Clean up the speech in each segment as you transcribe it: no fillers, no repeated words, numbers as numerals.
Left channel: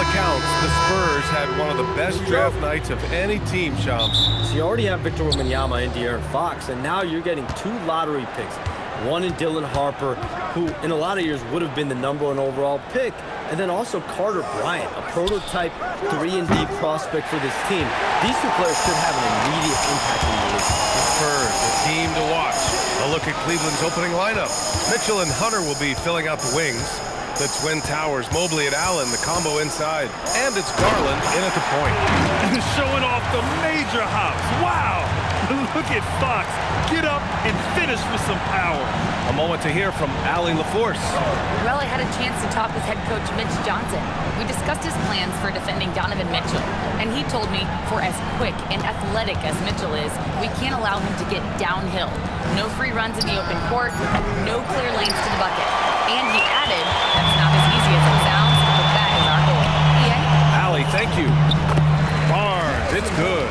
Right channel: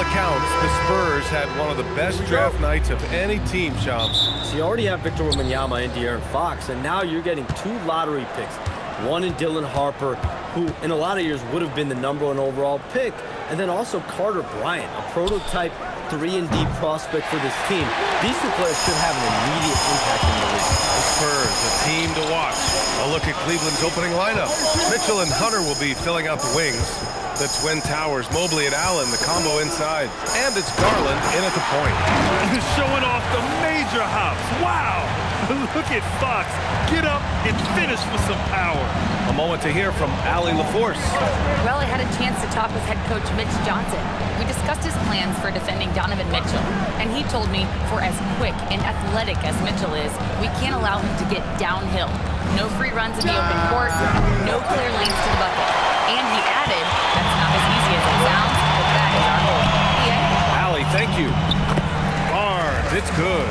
all accounts, the Spurs had one of the best draft nights of any team, Shams. So you already have Victor Wembanyama and De'Aaron Fox, and now you're getting 2 lottery picks. One in Dylan Harper, who in a lot of years would have been the #1 overall pick, and then also Carter Bryant, a prototype 3-and-D prospect for this team. These 2 players could have an immediate impact in the league. The Spurs, a team to watch. A look at Cleveland's opening lineup. Mitchell and Hunter will be filling out the wings. The Twin Towers, Mobley and Allen, the combo inside. And it's Garland in at the point. Showing off the major hops. Wow! Look at Fox. Get up and finish with some power. A moment to hear from Allie LaForce. Well, I had a chance to talk with head coach Mitch Johnson. We discussed his plans for defending Donovan Mitchell, and he told me for as quick and athletic as Mitchell is, we can't allow him to get downhill. No free runs in the open court, no clear lanes to the bucket. And he added, that's not as easy as it sounds, but that is our goal. Yeah? Allie, thank you. Barnes, it's good.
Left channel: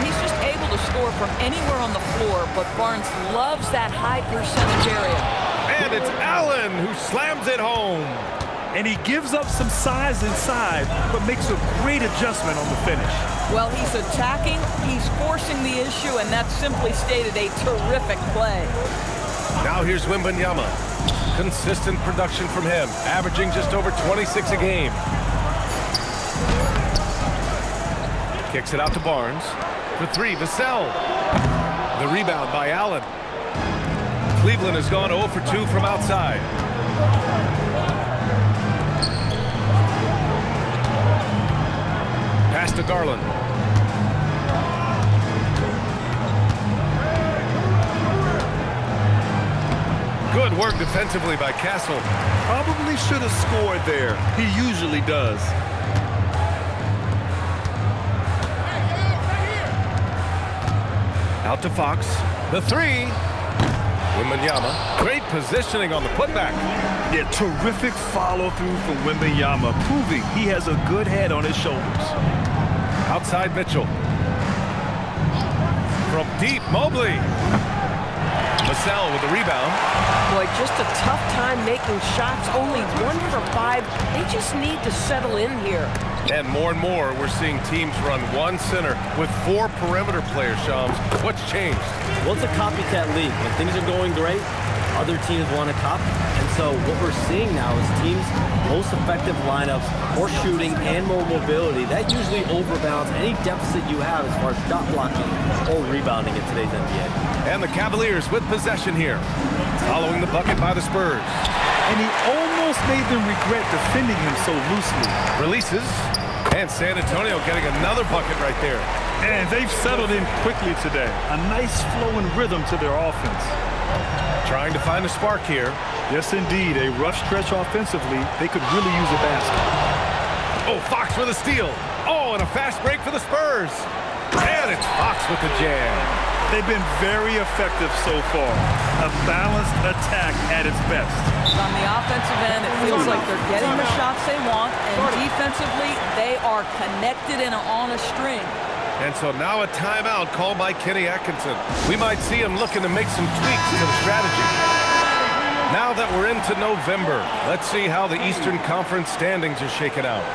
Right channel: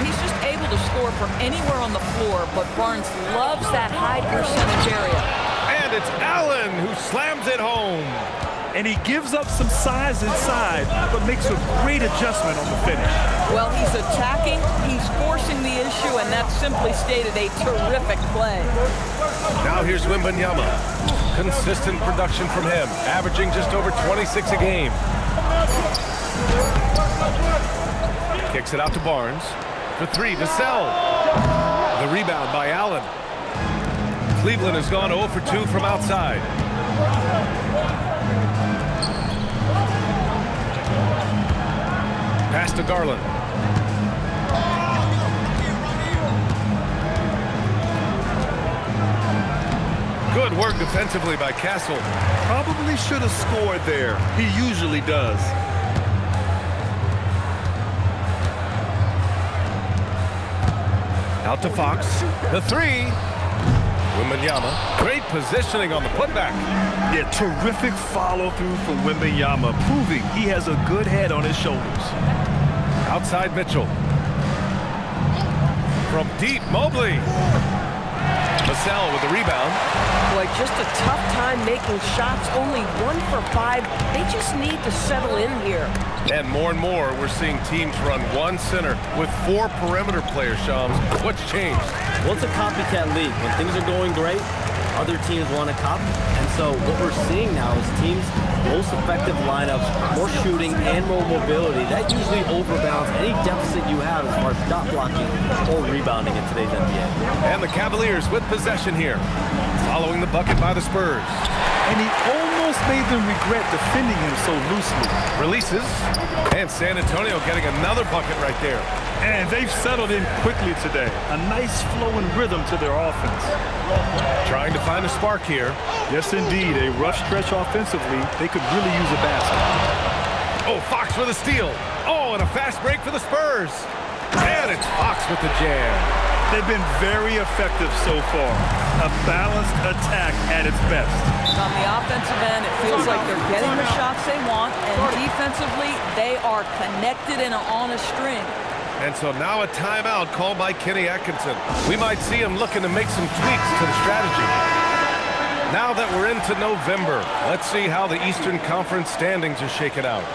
He's just able to score from anywhere on the floor, but Barnes loves that high percentage area. And it's Allen who slams it home. And he gives up some size inside, but makes a great adjustment on the finish. Well, he's attacking, he's forcing the issue, and that's simply stated a terrific play. Now here's Wembanyama. Consistent production from him, averaging just over 26 a game. Kicks it out to Barnes. For 3, Vassell. The rebound by Allen. Cleveland has gone 0 for 2 from outside. Pass to Garland. Good work defensively by Castle. Probably should have scored there. He usually does. Out to Fox. The 3. Wembanyama. Great positioning on the putback. Yeah, terrific follow-through from Wembanyama, proving he has a good head on his shoulders. Outside Mitchell. From deep, Mobley. Vassell with the rebound. Boy, just a tough time making shots. Only 1 for 5. They just need to settle in here. And more, we're seeing teams run 1 center with 4 perimeter players, Shams. What's changed? Well, it's a copycat league. When things are going great, other teams want to copy. And so what we're seeing now is teams' most effective lineups, more shooting and more mobility. That usually overbalances any deficit you have as far as shot blocking or rebounding in today's NBA. And the Cavaliers with possession here, following the bucket by the Spurs. And he almost made them regret defending him so loosely. Releases, and San Antonio getting another bucket right there. And they've settled in quickly today. A nice flow and rhythm to their offense. Trying to find a spark here. Yes, indeed. A rough stretch offensively. They could really use a basket. Oh, Fox with a steal. Oh, and a fast break for the Spurs. And it's Fox with the jam. They've been very effective so far. A balanced attack at its best. On the offensive end, it feels like they're getting the shots they want, and defensively, they are connected and on a string. And so now a timeout called by Kenny Atkinson. We might see him looking to make some tweaks to the strategy. Now that we're into November, let's see how the Eastern Conference standings are shaken out.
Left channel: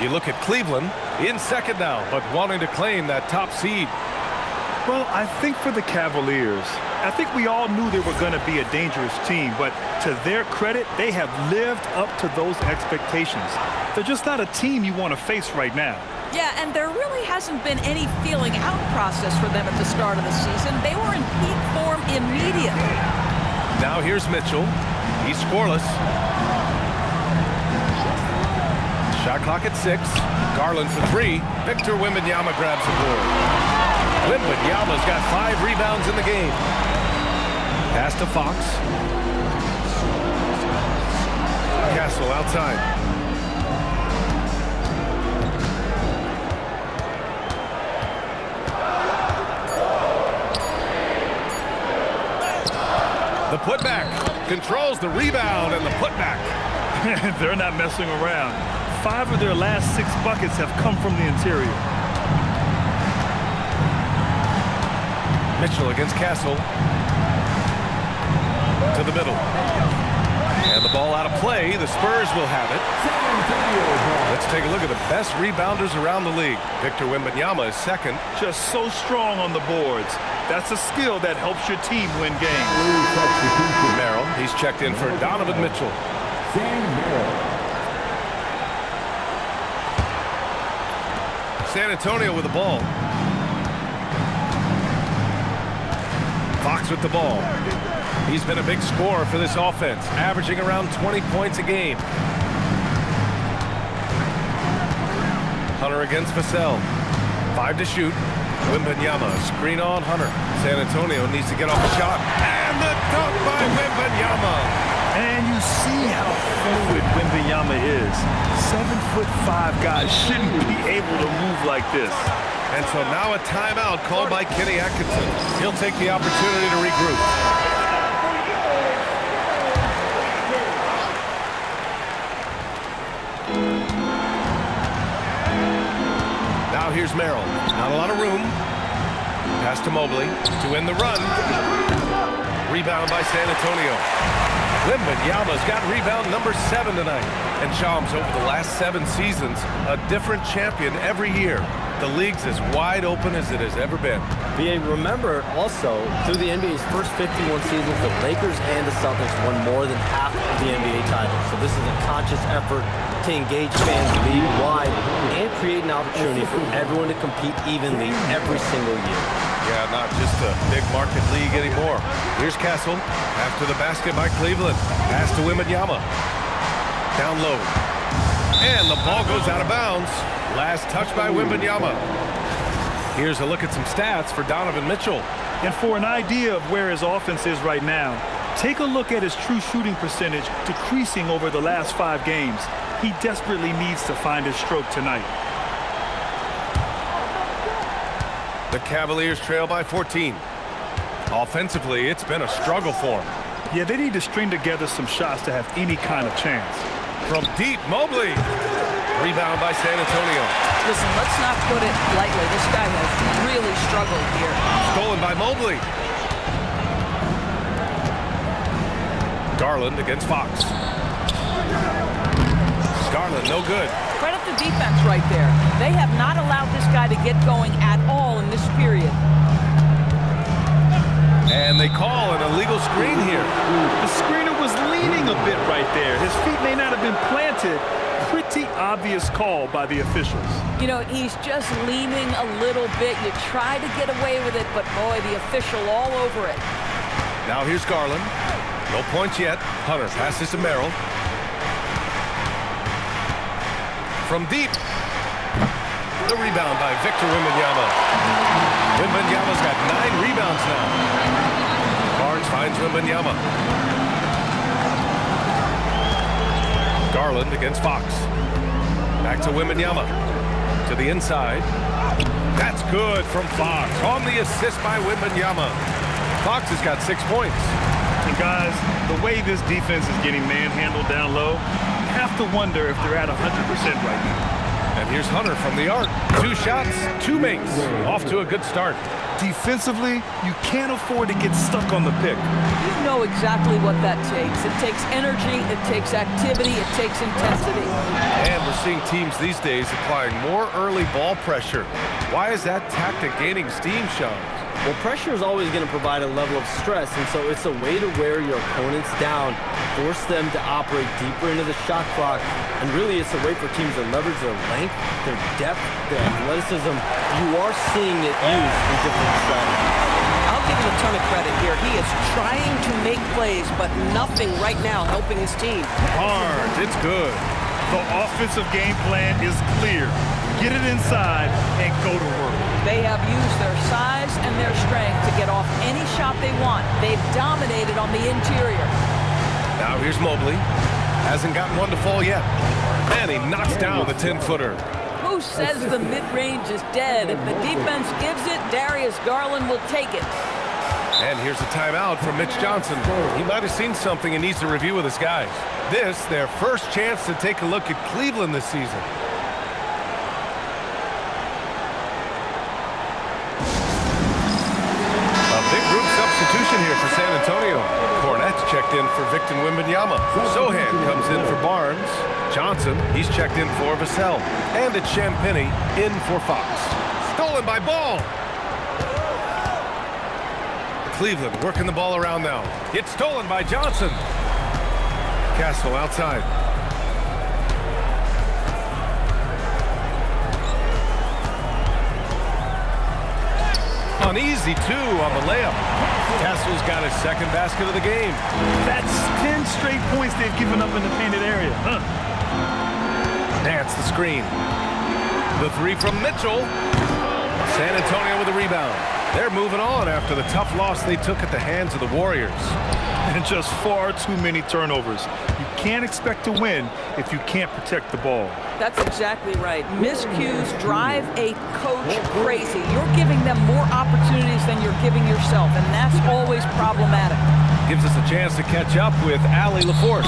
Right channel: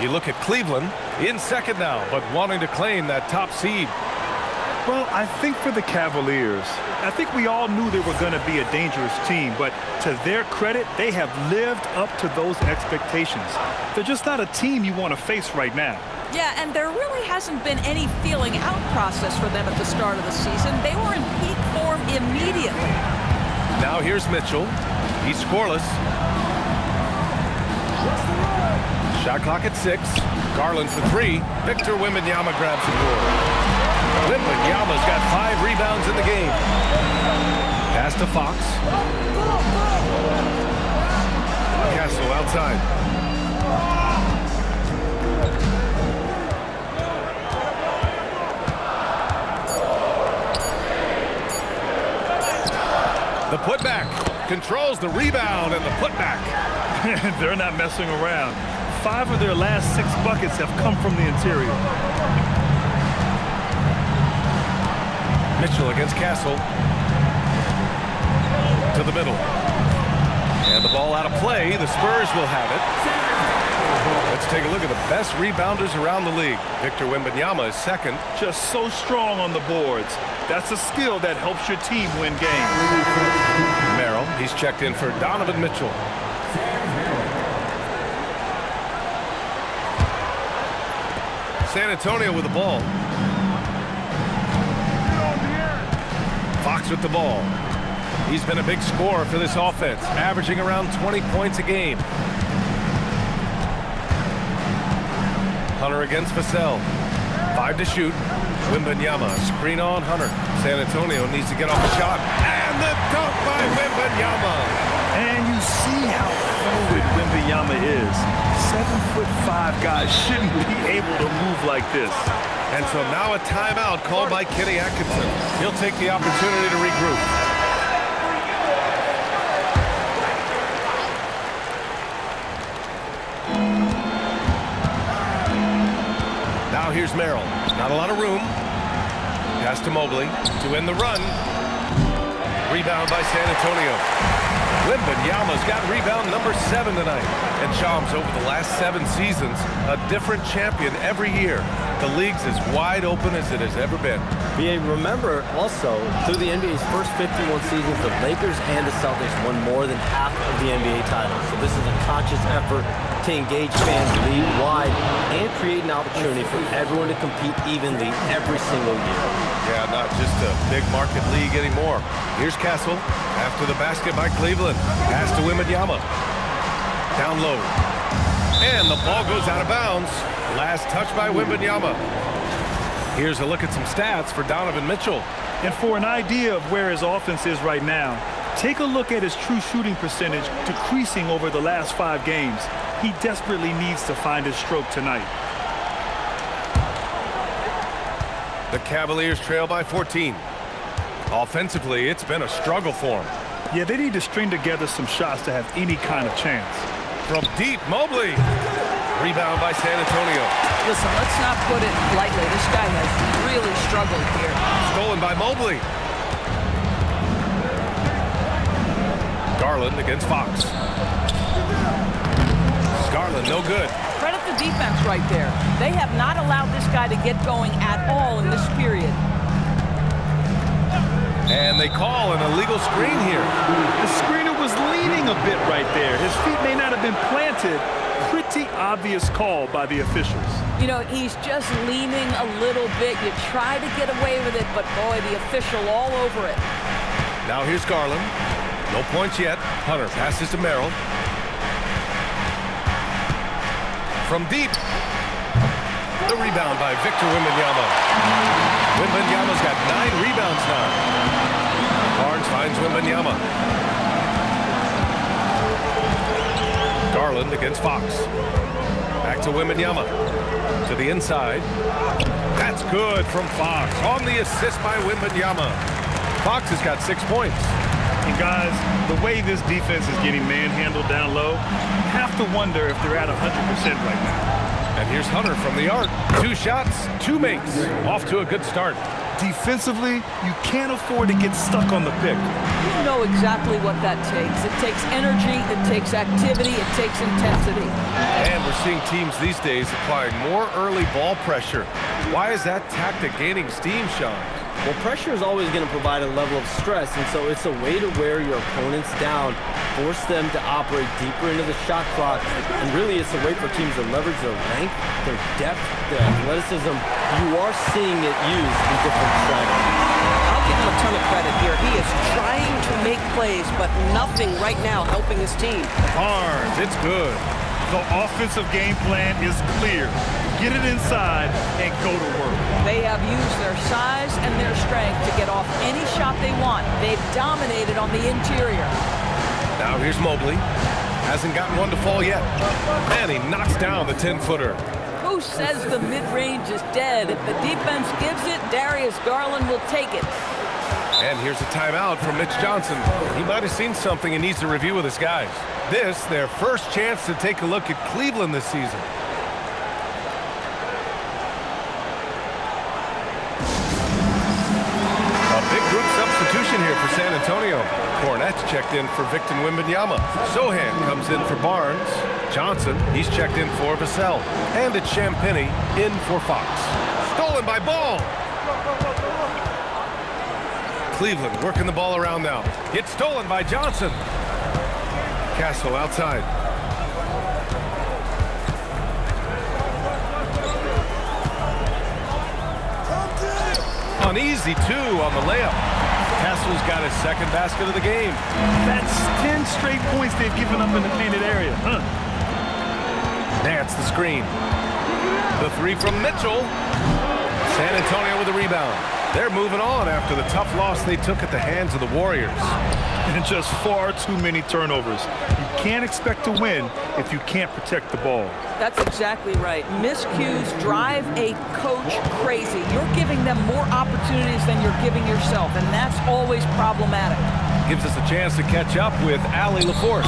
You look at Cleveland, in second now, but wanting to claim that top seed. Well, I think for the Cavaliers, I think we all knew they were going to be a dangerous team, but to their credit, they have lived up to those expectations. They're just not a team you want to face right now. Yeah, and there really hasn't been any feeling out process for them at the start of the season. They were in peak form immediately. Now here's Mitchell. He's scoreless. Shot clock at 6. Garland for 3. Victor Wembanyama grabs the board. Wembanyama's got 5 rebounds in the game. Pass to Fox. Castle outside. The putback controls the rebound and the putback. They're not messing around. 5 of their last 6 buckets have come from the interior. Mitchell against Castle. To the middle. And the ball out of play. The Spurs will have it. Let's take a look at the best rebounders around the league. Victor Wembanyama is second. Just so strong on the boards. That's a skill that helps your team win games. Merrill, he's checked in for Donovan Mitchell. San Antonio with the ball. Fox with the ball. He's been a big scorer for this offense, averaging around 20 points a game. Hunter against Vassell. 5 to shoot. Wembanyama, screen on Hunter. San Antonio needs to get off a shot. And the dunk by Wembanyama. And you see how fluid Wembanyama is. 7'5" guys shouldn't be able to move like this. And so now a timeout called by Kenny Atkinson. He'll take the opportunity to regroup. Now here's Merrill. Not a lot of room. Pass to Mobley to end the run. Rebound by San Antonio. Wembanyama's got rebound number 7 tonight. And Shams, over the last 7 seasons, a different champion every year. The league's as wide open as it has ever been. BA, remember also, through the NBA's first 51 seasons, the Lakers and the Celtics won more than half of the NBA titles. So this is a conscious effort to engage fans league-wide and create an opportunity for everyone to compete evenly every single year. Yeah, not just a big market league anymore. Here's Castle. After the basket by Cleveland. Pass to Wembanyama. Down low. And the ball goes out of bounds. Last touch by Wembanyama. Here's a look at some stats for Donovan Mitchell. And for an idea of where his offense is right now, take a look at his true shooting percentage decreasing over the last 5 games. He desperately needs to find his stroke tonight. The Cavaliers trail by 14. Offensively, it's been a struggle for him. Yeah, they need to string together some shots to have any kind of chance. From deep, Mobley. Rebound by San Antonio. Listen, let's not put it lightly. This guy has really struggled here. Stolen by Mobley. Garland against Fox. Garland, no good. Credit the defense right there. They have not allowed this guy to get going at all in this period. And they call an illegal screen here. The screener was leaning a bit right there. His feet may not have been planted. Pretty obvious call by the officials. You know, he's just leaning a little bit. You try to get away with it, but boy, the official all over it. Now here's Garland. No points yet. Hunter passes to Merrill. From deep. The rebound by Victor Wembanyama. Wembanyama's got 9 rebounds now. Barnes finds Wembanyama. Garland against Fox. Back to Wembanyama. To the inside. That's good from Fox. On the assist by Wembanyama. Fox has got 6 points. And guys, the way this defense is getting manhandled down low, you have to wonder if they're at 100% right now. And here's Hunter from the arc. 2 shots, 2 makes. Off to a good start. Defensively, you can't afford to get stuck on the pick. You know exactly what that takes. It takes energy, it takes activity, it takes intensity. And we're seeing teams these days applying more early ball pressure. Why is that tactic gaining steam, Sean? Well, pressure is always going to provide a level of stress, and so it's a way to wear your opponents down, force them to operate deeper into the shot clock, and really it's a way for teams to leverage their length, their depth, their athleticism. You are seeing it used in different strategies. I'll give him a ton of credit here. He is trying to make plays, but nothing right now helping his team. Barnes, it's good. The offensive game plan is clear. Get it inside and go to work. They have used their size and their strength to get off any shot they want. They've dominated on the interior. Now here's Mobley. Hasn't gotten one to fall yet. And he knocks down the 10-footer. Who says the mid-range is dead? If the defense gives it, Darius Garland will take it. And here's a timeout from Mitch Johnson. He might have seen something and needs to review with his guys. This, their first chance to take a look at Cleveland this season. A big group substitution here for San Antonio. Cornett's checked in for Victor Wembanyama. Sohan comes in for Barnes. Johnson, he's checked in for Vassell. And it's Champagnie in for Fox. Stolen by Ball. Cleveland working the ball around now. It's stolen by Johnson. Castle outside. Uneasy, too, on the layup. Castle's got his second basket of the game. That's 10 straight points they've given up in the painted area. Nance the screen. The three from Mitchell. San Antonio with a rebound. They're moving on after the tough loss they took at the hands of the Warriors. And just far too many turnovers. You can't expect to win if you can't protect the ball. That's exactly right. Miscues drive a coach crazy. You're giving them more opportunities than you're giving yourself, and that's always problematic. Gives us a chance to catch up with Allie LaForce.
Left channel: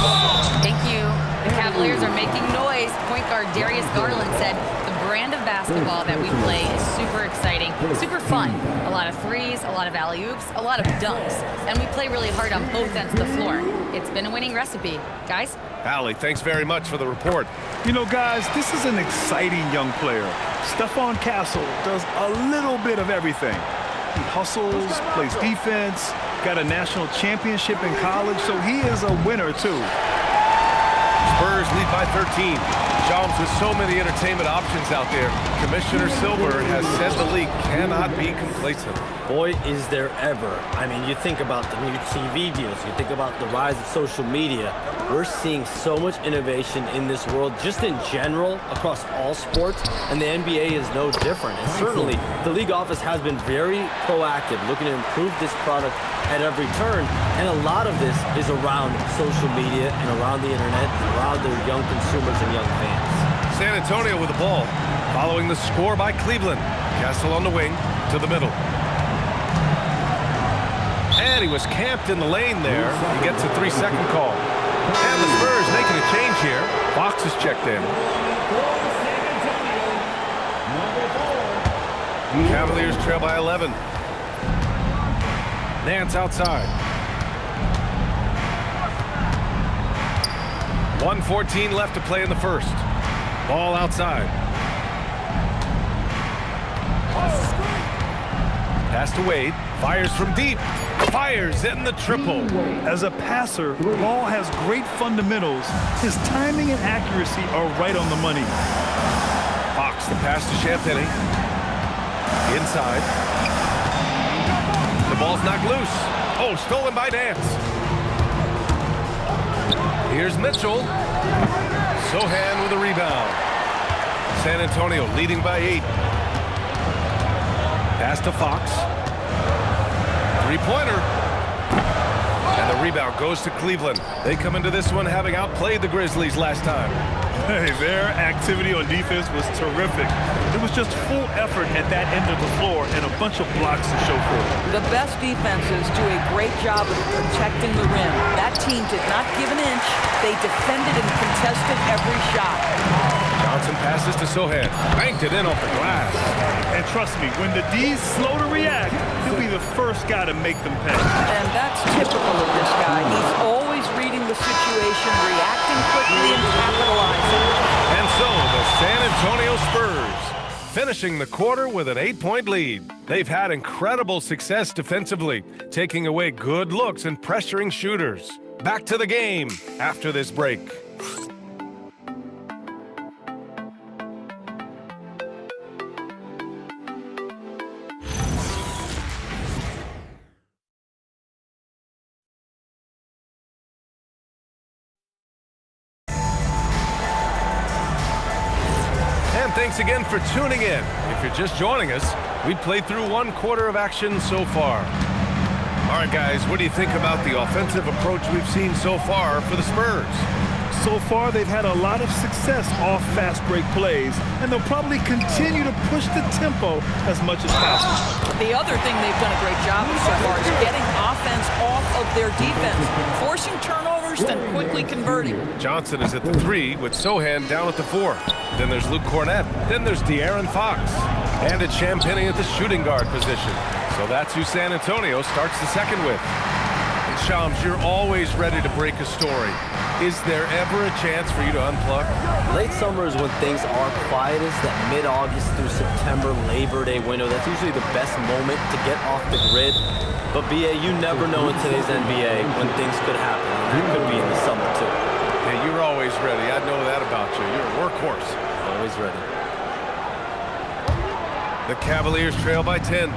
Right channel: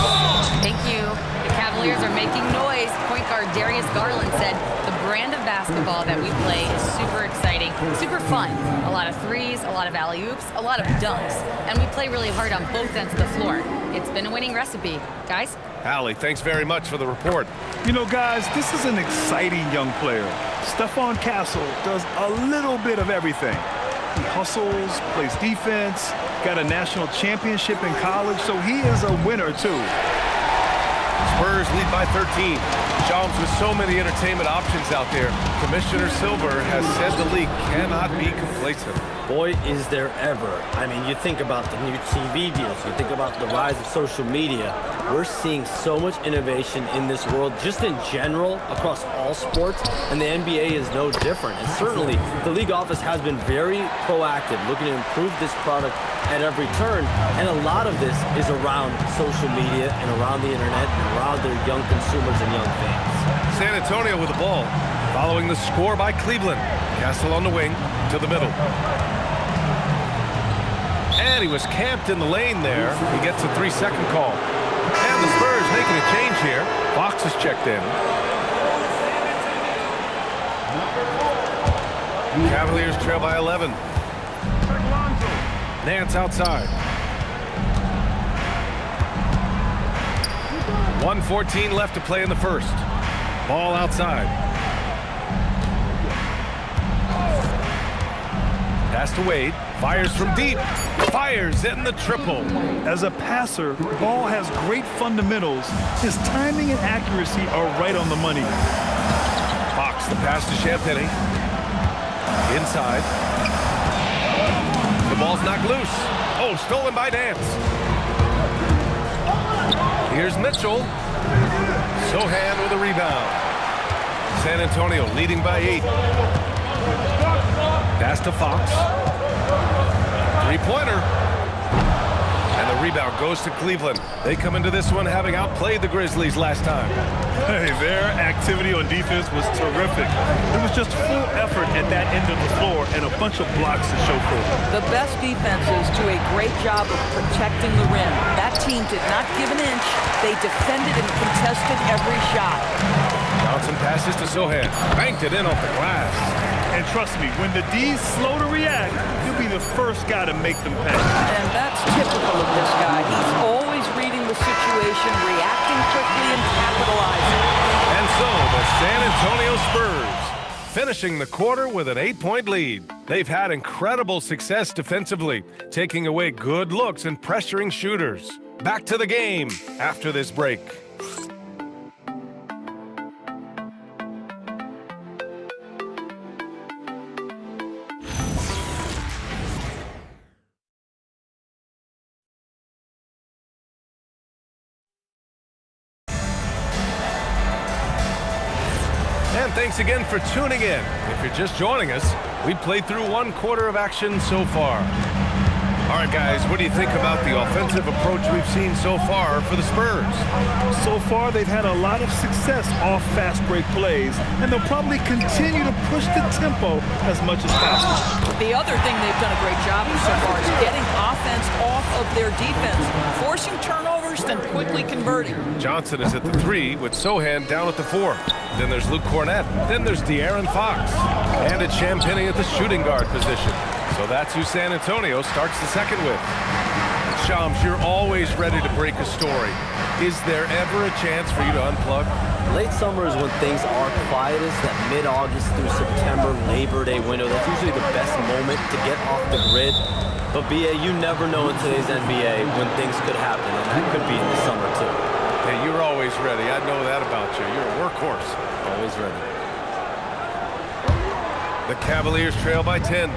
Thank you. The Cavaliers are making noise. Point guard Darius Garland said the brand of basketball that we play is super exciting, super fun. A lot of threes, a lot of alley-oops, a lot of dunks. And we play really hard on both ends of the floor. It's been a winning recipe. Guys? Allie, thanks very much for the report. You know, guys, this is an exciting young player. Stephon Castle does a little bit of everything. He hustles, plays defense, got a national championship in college, so he is a winner, too. Spurs lead by 13. Shams, with so many entertainment options out there, Commissioner Silver has said the league cannot be complacent. Boy, is there ever. I mean, you think about the new TV deals, you think about the rise of social media. We're seeing so much innovation in this world, just in general, across all sports, and the NBA is no different. And certainly, the league office has been very proactive, looking to improve this product at every turn, and a lot of this is around social media and around the internet and around their young consumers and young fans. San Antonio with the ball, following the score by Cleveland. Castle on the wing, to the middle. And he was camped in the lane there. He gets a 3-second call. And the Spurs making a change here. Fox is checked in. Cavaliers trail by 11. Nance outside. 1:14 left to play in the first. Ball outside. Pass to Wade. Fires from deep. Fires in the triple. As a passer, Ball has great fundamentals. His timing and accuracy are right on the money. Fox, the pass to Champagnie. Inside. The ball's knocked loose. Oh, stolen by Nance. Here's Mitchell. Sohan with a rebound. San Antonio leading by 8. Pass to Fox. Three-pointer. And the rebound goes to Cleveland. They come into this one having outplayed the Grizzlies last time. Hey, their activity on defense was terrific. It was just full effort at that end of the floor and a bunch of blocks to show for it. The best defenses do a great job of protecting the rim. That team did not give an inch. They defended and contested every shot. Johnson passes to Sohan. Banked it in off the glass. And trust me, when the D's slow to react, he'll be the first guy to make them pay. And that's typical of this guy. He's always reading the situation, reacting quickly, and capitalizing. And so the San Antonio Spurs finishing the quarter with an 8-point lead. They've had incredible success defensively, taking away good looks and pressuring shooters. Back to the game after this break. And thanks again for tuning in. If you're just joining us, we played through one quarter of action so far. All right, guys, what do you think about the offensive approach we've seen so far for the Spurs? So far, they've had a lot of success off fast break plays, and they'll probably continue to push the tempo as much as possible. The other thing they've done a great job of so far is getting offense off of their defense, forcing turnovers, then quickly converting. Johnson is at the 3 with Sohan down at the 4. Then there's Luke Cornett. Then there's De'Aaron Fox. And it's Champagnie at the shooting guard position. So that's who San Antonio starts the second with. And Shams, you're always ready to break a story. Is there ever a chance for you to unplug? Late summer is when things are quietest, that mid-August through September Labor Day window. That's usually the best moment to get off the grid. But, BA, you never know in today's NBA when things could happen, and that could be in the summer, too. Hey, you're always ready. I know that about you. You're a workhorse. Always ready. The Cavaliers trail by 10.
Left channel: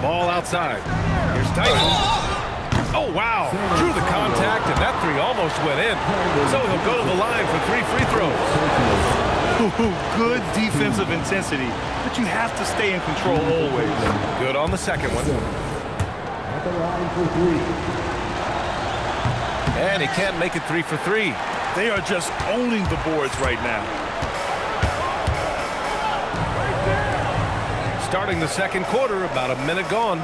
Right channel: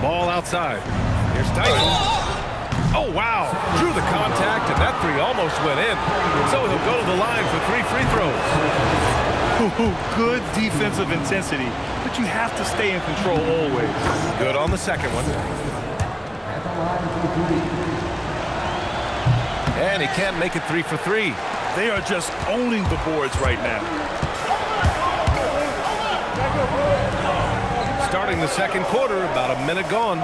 Ball outside. Here's Tyson. Oh, wow. Drew the contact, and that three almost went in. So he'll go to the line for 3 free throws. Good defensive intensity, but you have to stay in control always. Good on the second one. At the line for 3. And he can't make it 3 for 3. They are just owning the boards right now. Starting the second quarter, about a minute gone.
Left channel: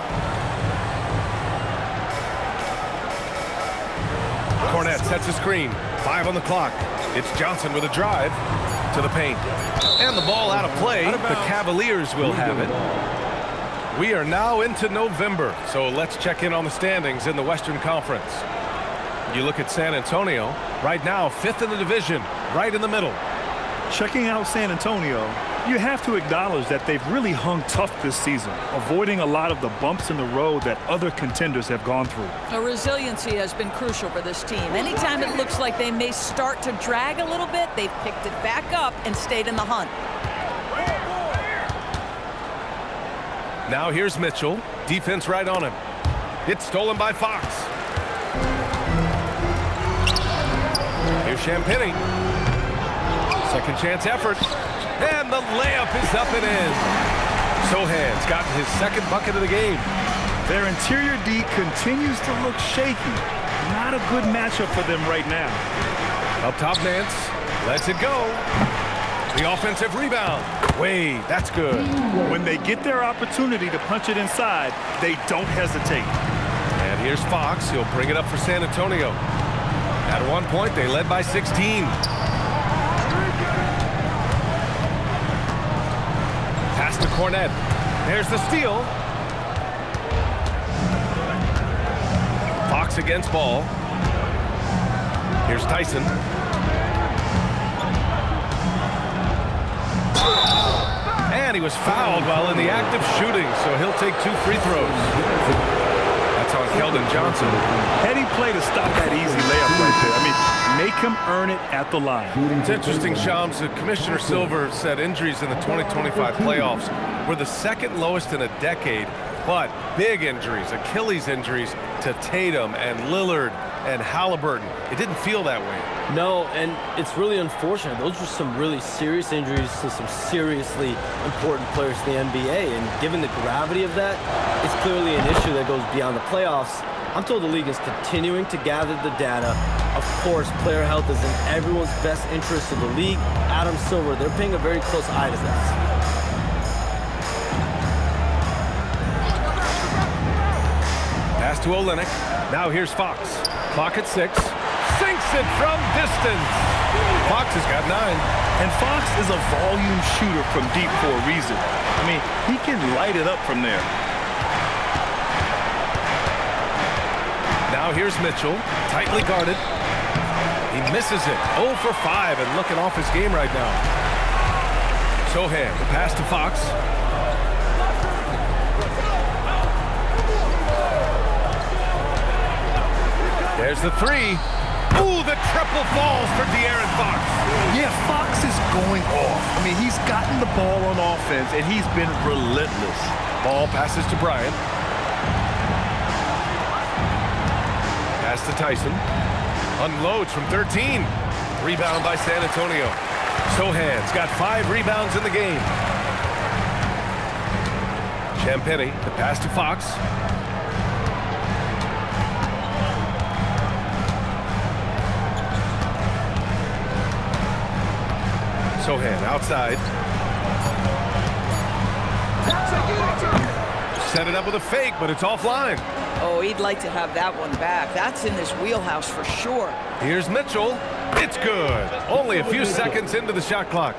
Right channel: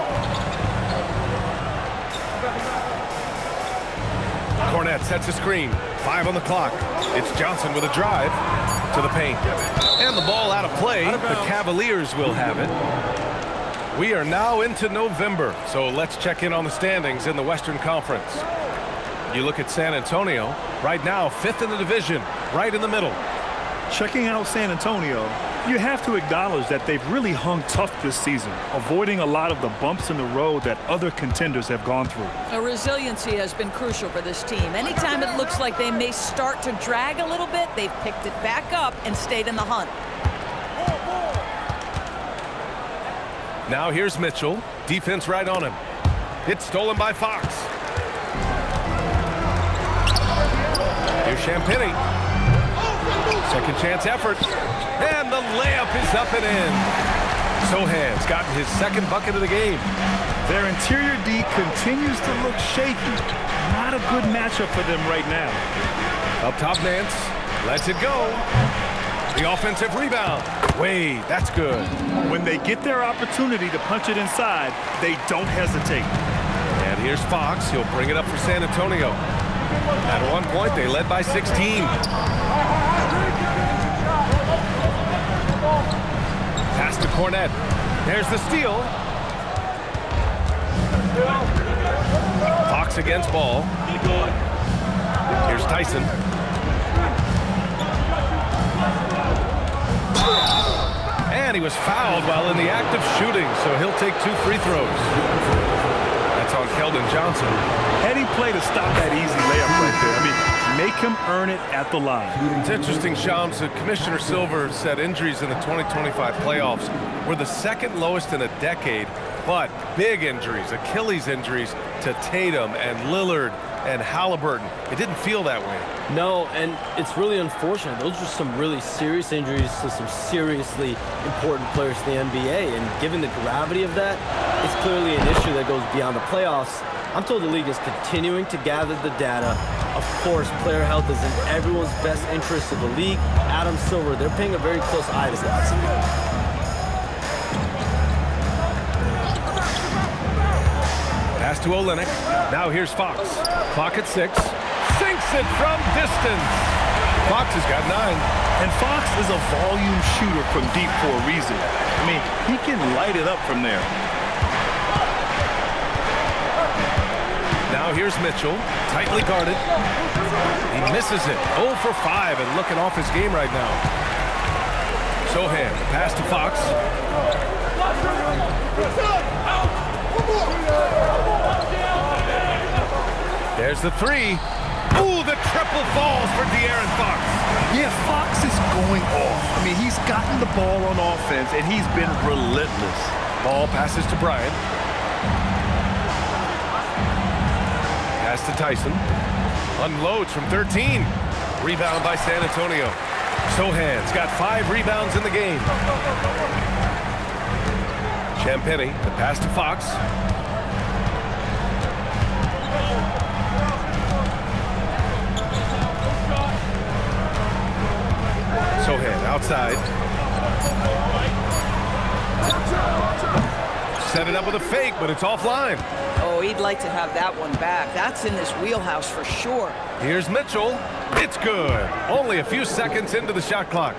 Cornette sets a screen. 5 on the clock. It's Johnson with a drive to the paint. And the ball out of play. The Cavaliers will have it. We are now into November, so let's check in on the standings in the Western Conference. You look at San Antonio, right now 5th in the division, right in the middle. Checking out San Antonio, you have to acknowledge that they've really hung tough this season, avoiding a lot of the bumps in the road that other contenders have gone through. Resiliency has been crucial for this team. Anytime it looks like they may start to drag a little bit, they've picked it back up and stayed in the hunt. Now here's Mitchell. Defense right on him. It's stolen by Fox. Here's Champagny. Second chance effort. And the layup is up and in. Sohan's gotten his second bucket of the game. Their interior D continues to look shaky. Not a good matchup for them right now. Up top, Nance. Lets it go. The offensive rebound. Wade, that's good. When they get their opportunity to punch it inside, they don't hesitate. And here's Fox. He'll bring it up for San Antonio. At one point, they led by 16. Pass to Cornette. There's the steal. Fox against ball. Here's Tyson. And he was fouled while in the act of shooting, so he'll take 2 free throws. That's on Keldon Johnson. Heady play to stop that easy layup right there. I mean, make him earn it at the line. It's interesting, Shams. Commissioner Silver said injuries in the 2025 playoffs were the second lowest in a decade, but big injuries, Achilles injuries to Tatum and Lillard and Halliburton. It didn't feel that way. No, and it's really unfortunate. Those are some really serious injuries to some seriously important players in the NBA, and given the gravity of that, it's clearly an issue that goes beyond the playoffs. I'm told the league is continuing to gather the data. Of course, player health is in everyone's best interest of the league. Adam Silver, they're paying a very close eye to this. Pass to Olynyk. Now here's Fox. Clock at 6. Sinks it from distance. Fox has got 9. And Fox is a volume shooter from deep for a reason. I mean, he can light it up from there. Now here's Mitchell. Tightly guarded. He misses it. 0 for 5 and looking off his game right now. Sohan, the pass to Fox. There's the 3. Ooh, the triple falls for De'Aaron Fox. Yeah, Fox is going off. I mean, he's gotten the ball on offense, and he's been relentless. Ball passes to Bryant. Pass to Tyson. Unloads from 13. Rebound by San Antonio. Sohan's got 5 rebounds in the game. Champagny, the pass to Fox. Sohan outside. Set it up with a fake, but it's offline. Oh, he'd like to have that one back. That's in his wheelhouse for sure. Here's Mitchell. It's good. Only a few seconds into the shot clock.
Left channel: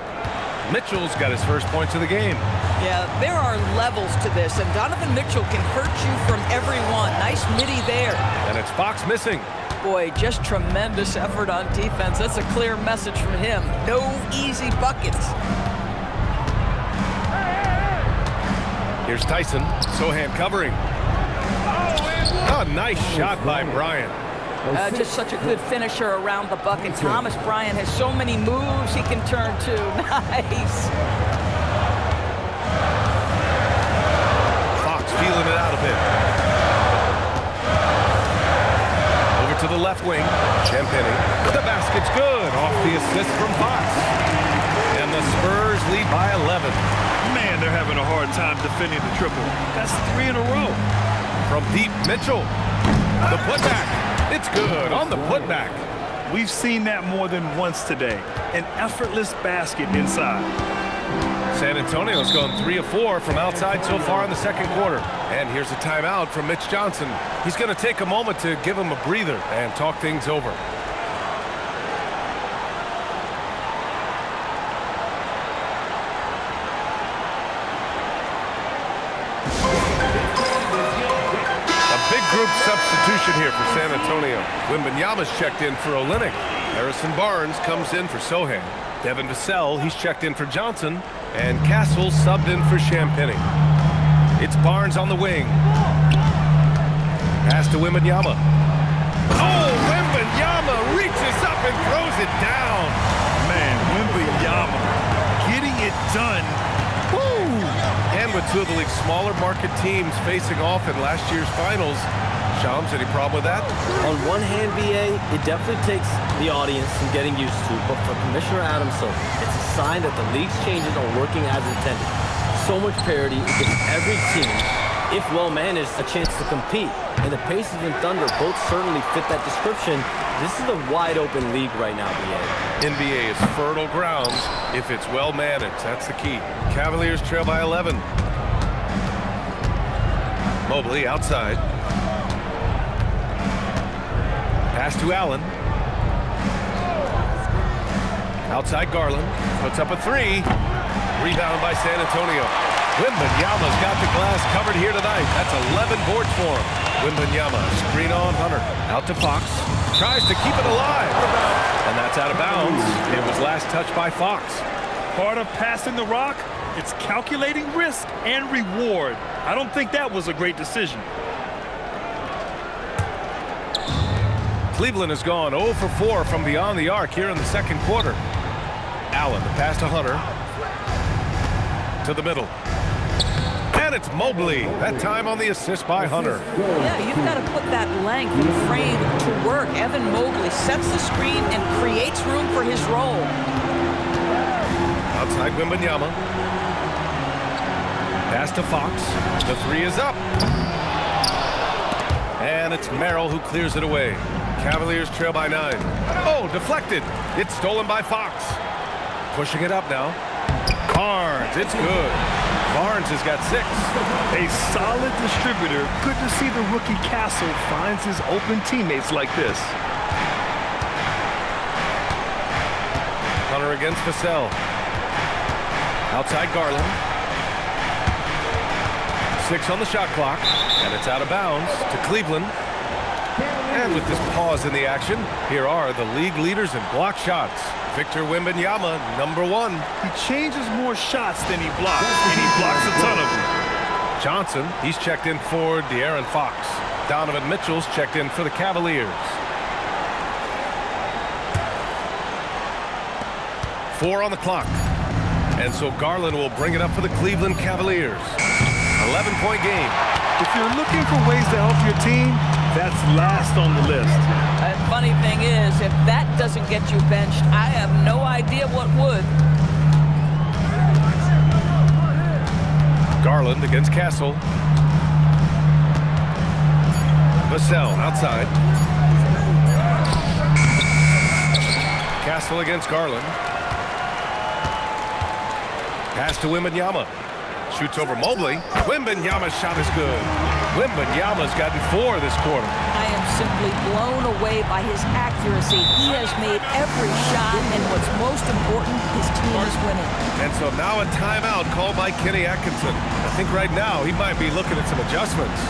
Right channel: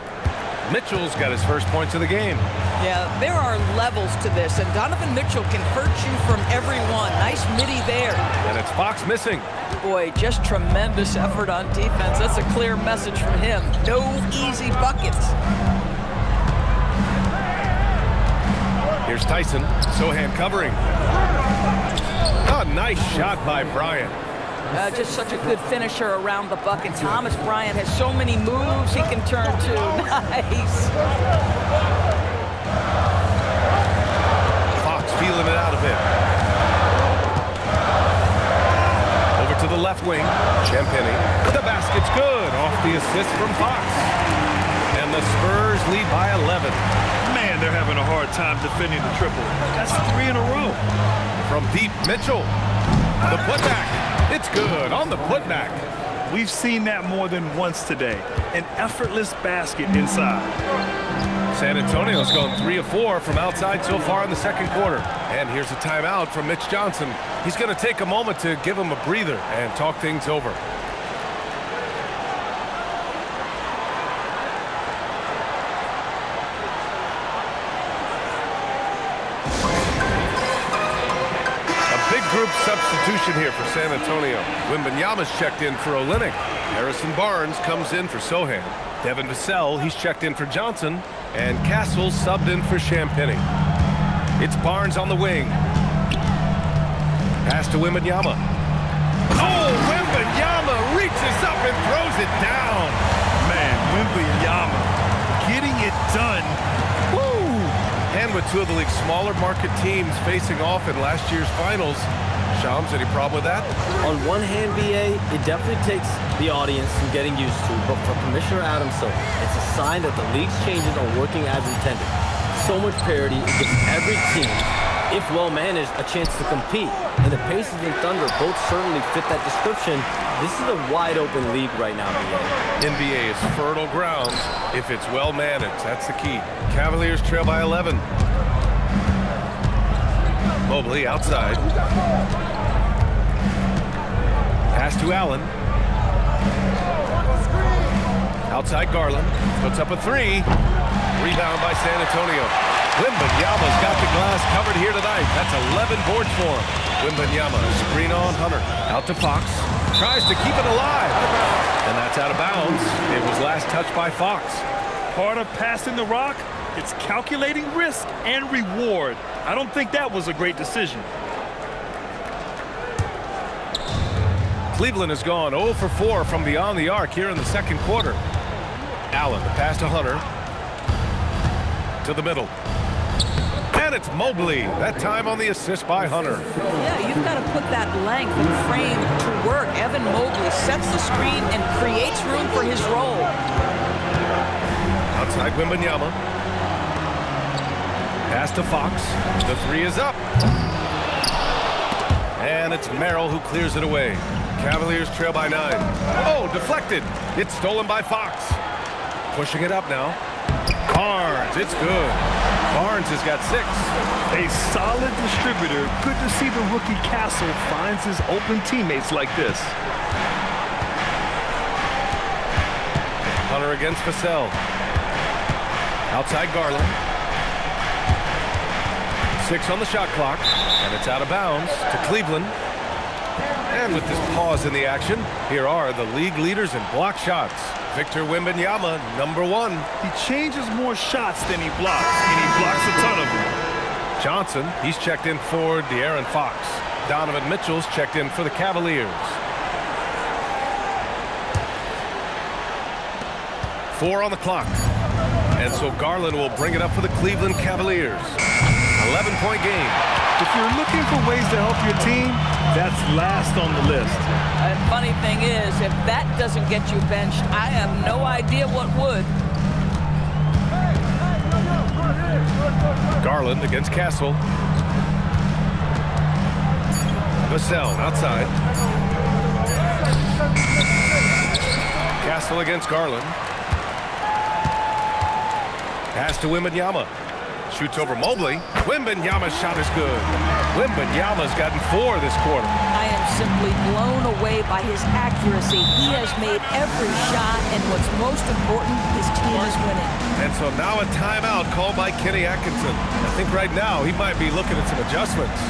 Mitchell's got his first points of the game. Yeah, there are levels to this, and Donovan Mitchell can hurt you from everyone. Nice midi there. And it's Fox missing. Boy, just tremendous effort on defense. That's a clear message from him. No easy buckets. Here's Tyson. Sohan covering. Oh, nice shot by Bryant. Just such a good finisher around the bucket. Thomas Bryant has so many moves he can turn to. Nice. Fox feeling it out a bit. Over to the left wing. Champagny. The basket's good. Off the assist from Fox. And the Spurs lead by 11. Man, they're having a hard time defending the triple. That's 3 in a row. From deep, Mitchell. The putback. It's good on the putback. We've seen that more than once today. An effortless basket inside. San Antonio's gone 3 of 4 from outside so far in the second quarter. And here's a timeout from Mitch Johnson. He's going to take a moment to give him a breather and talk things over. Big group substitution here for San Antonio. Wembanyama's checked in for Olynyk. Harrison Barnes comes in for Sohan. Devin Vassell, he's checked in for Johnson. And Castle subbed in for Champagny. It's Barnes on the wing. Pass to Wembanyama. Oh, Wembanyama reaches up and throws it down. Man, Wembanyama getting it done. Woo! And with two of the league's smaller market teams facing off in last year's finals, Shams, any problem with that? On one hand, BA, it definitely takes the audience some getting used to, but for Commissioner Adams, it's a sign that the league's changes are working as intended. So much parity, it gives every team, if well managed, a chance to compete. And the Pacers and Thunder both certainly fit that description. This is a wide open league right now, BA. NBA is fertile ground if it's well managed. That's the key. Cavaliers trail by 11. Mobley outside. Pass to Allen. Outside Garland. Puts up a 3. Rebound by San Antonio. Wembanyama's got the glass covered here tonight. That's 11 boards for him. Wembanyama, screen on Hunter. Out to Fox. Tries to keep it alive. Out of bounds. And that's out of bounds. It was last touched by Fox. Part of passing the rock, it's calculating risk and reward. I don't think that was a great decision. Cleveland has gone 0 for 4 from beyond the arc here in the second quarter. Allen, the pass to Hunter. To the middle. And it's Mobley. That time on the assist by Hunter. Yeah, you've got to put that length and frame to work. Evan Mobley sets the screen and creates room for his role. Outside Wembanyama. Pass to Fox. The 3 is up. And it's Merrill who clears it away. Cavaliers trail by 9. Oh, deflected. It's stolen by Fox. Pushing it up now. Barnes, it's good. Barnes has got 6. A solid distributor. Good to see the rookie Castle finds his open teammates like this. Hunter against Vassell. Outside Garland. 6 on the shot clock. And it's out of bounds to Cleveland. And with this pause in the action, here are the league leaders in block shots. Victor Wembanyama, number 1. He changes more shots than he blocks, and he blocks a ton of them. Johnson, he's checked in for De'Aaron Fox. Donovan Mitchell's checked in for the Cavaliers. 4 on the clock. And so Garland will bring it up for the Cleveland Cavaliers. 11-point game. If you're looking for ways to help your team, that's last on the list. And funny thing is, if that doesn't get you benched, I have no idea what would. Garland against Castle. Vassell outside. Castle against Garland. Pass to Wembanyama. Shoots over Mobley. Wembanyama's shot is good. Wembanyama's gotten 4 this quarter. I am simply blown away by his accuracy. He has made every shot, and what's most important, his team is winning. And so now a timeout called by Kenny Atkinson. I think right now he might be looking at some adjustments.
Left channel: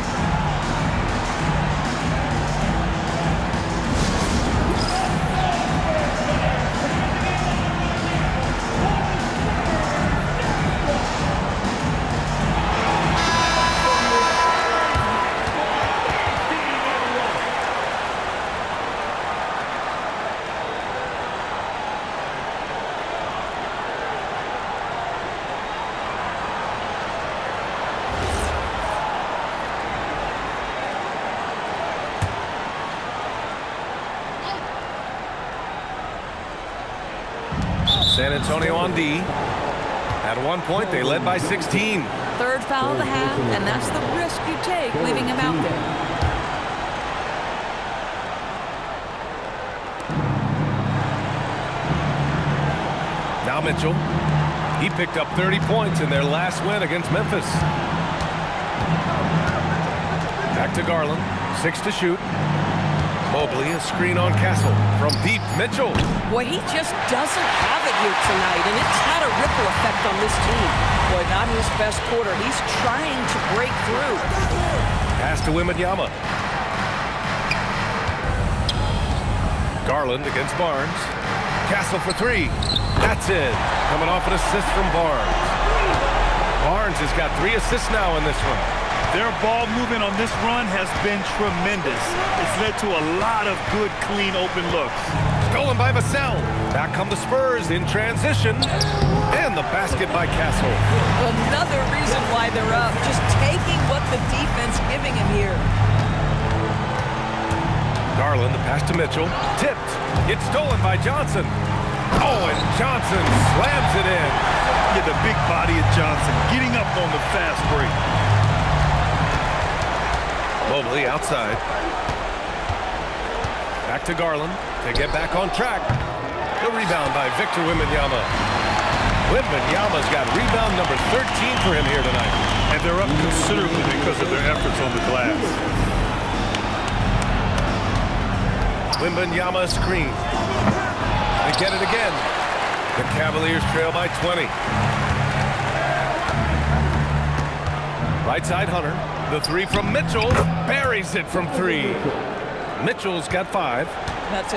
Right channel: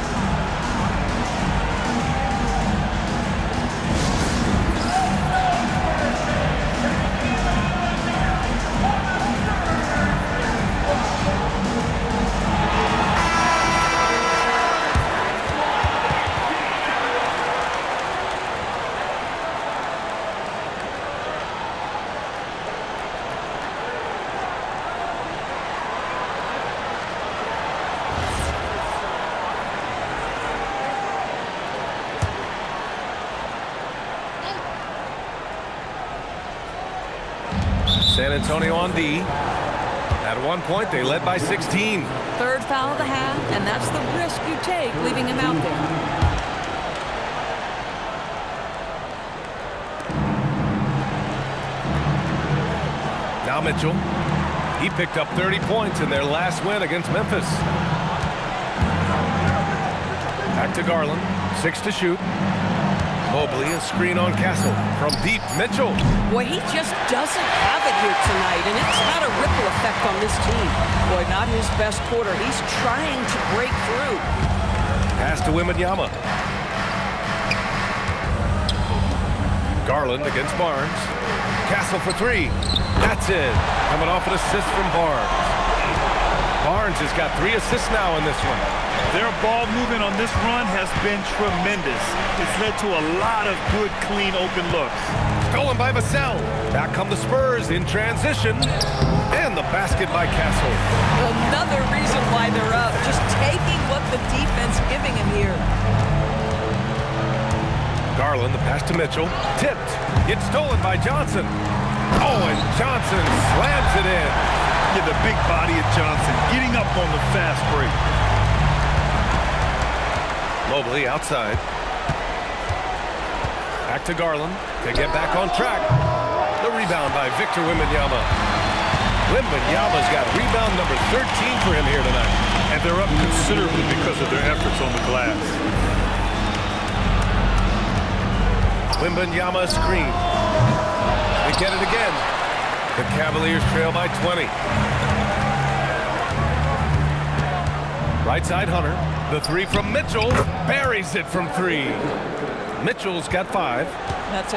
San Antonio on D. At one point, they led by 16. Third foul of the half, and that's the risk you take, leaving him out there. Now Mitchell. He picked up 30 points in their last win against Memphis. Back to Garland. 6 to shoot. Mobley, a screen on Castle. From deep, Mitchell. Boy, he just doesn't have it here tonight, and it's had a ripple effect on this team. Boy, not his best quarter. He's trying to break through. Pass to Wembanyama. Garland against Barnes. Castle for 3. That's it. Coming off an assist from Barnes. Barnes has got 3 assists now in this one. Their ball movement on this run has been tremendous. It's led to a lot of good, clean, open looks. Stolen by Vassell. Back come the Spurs in transition. And the basket by Castle. Another reason why they're up. Just taking what the defense giving him here. Garland, the pass to Mitchell. Tipped. It's stolen by Johnson. Oh, and Johnson slams it in. Yeah, the big body of Johnson getting up on the fast break. Mobley outside. Back to Garland to get back on track. The rebound by Victor Wembanyama. Wembanyama's got rebound number 13 for him here tonight. And they're up considerably because of their efforts on the glass. Wembanyama screen. They get it again. The Cavaliers trail by 20. Right side Hunter. The 3 from Mitchell. Buries it from 3. Mitchell's got 5. That's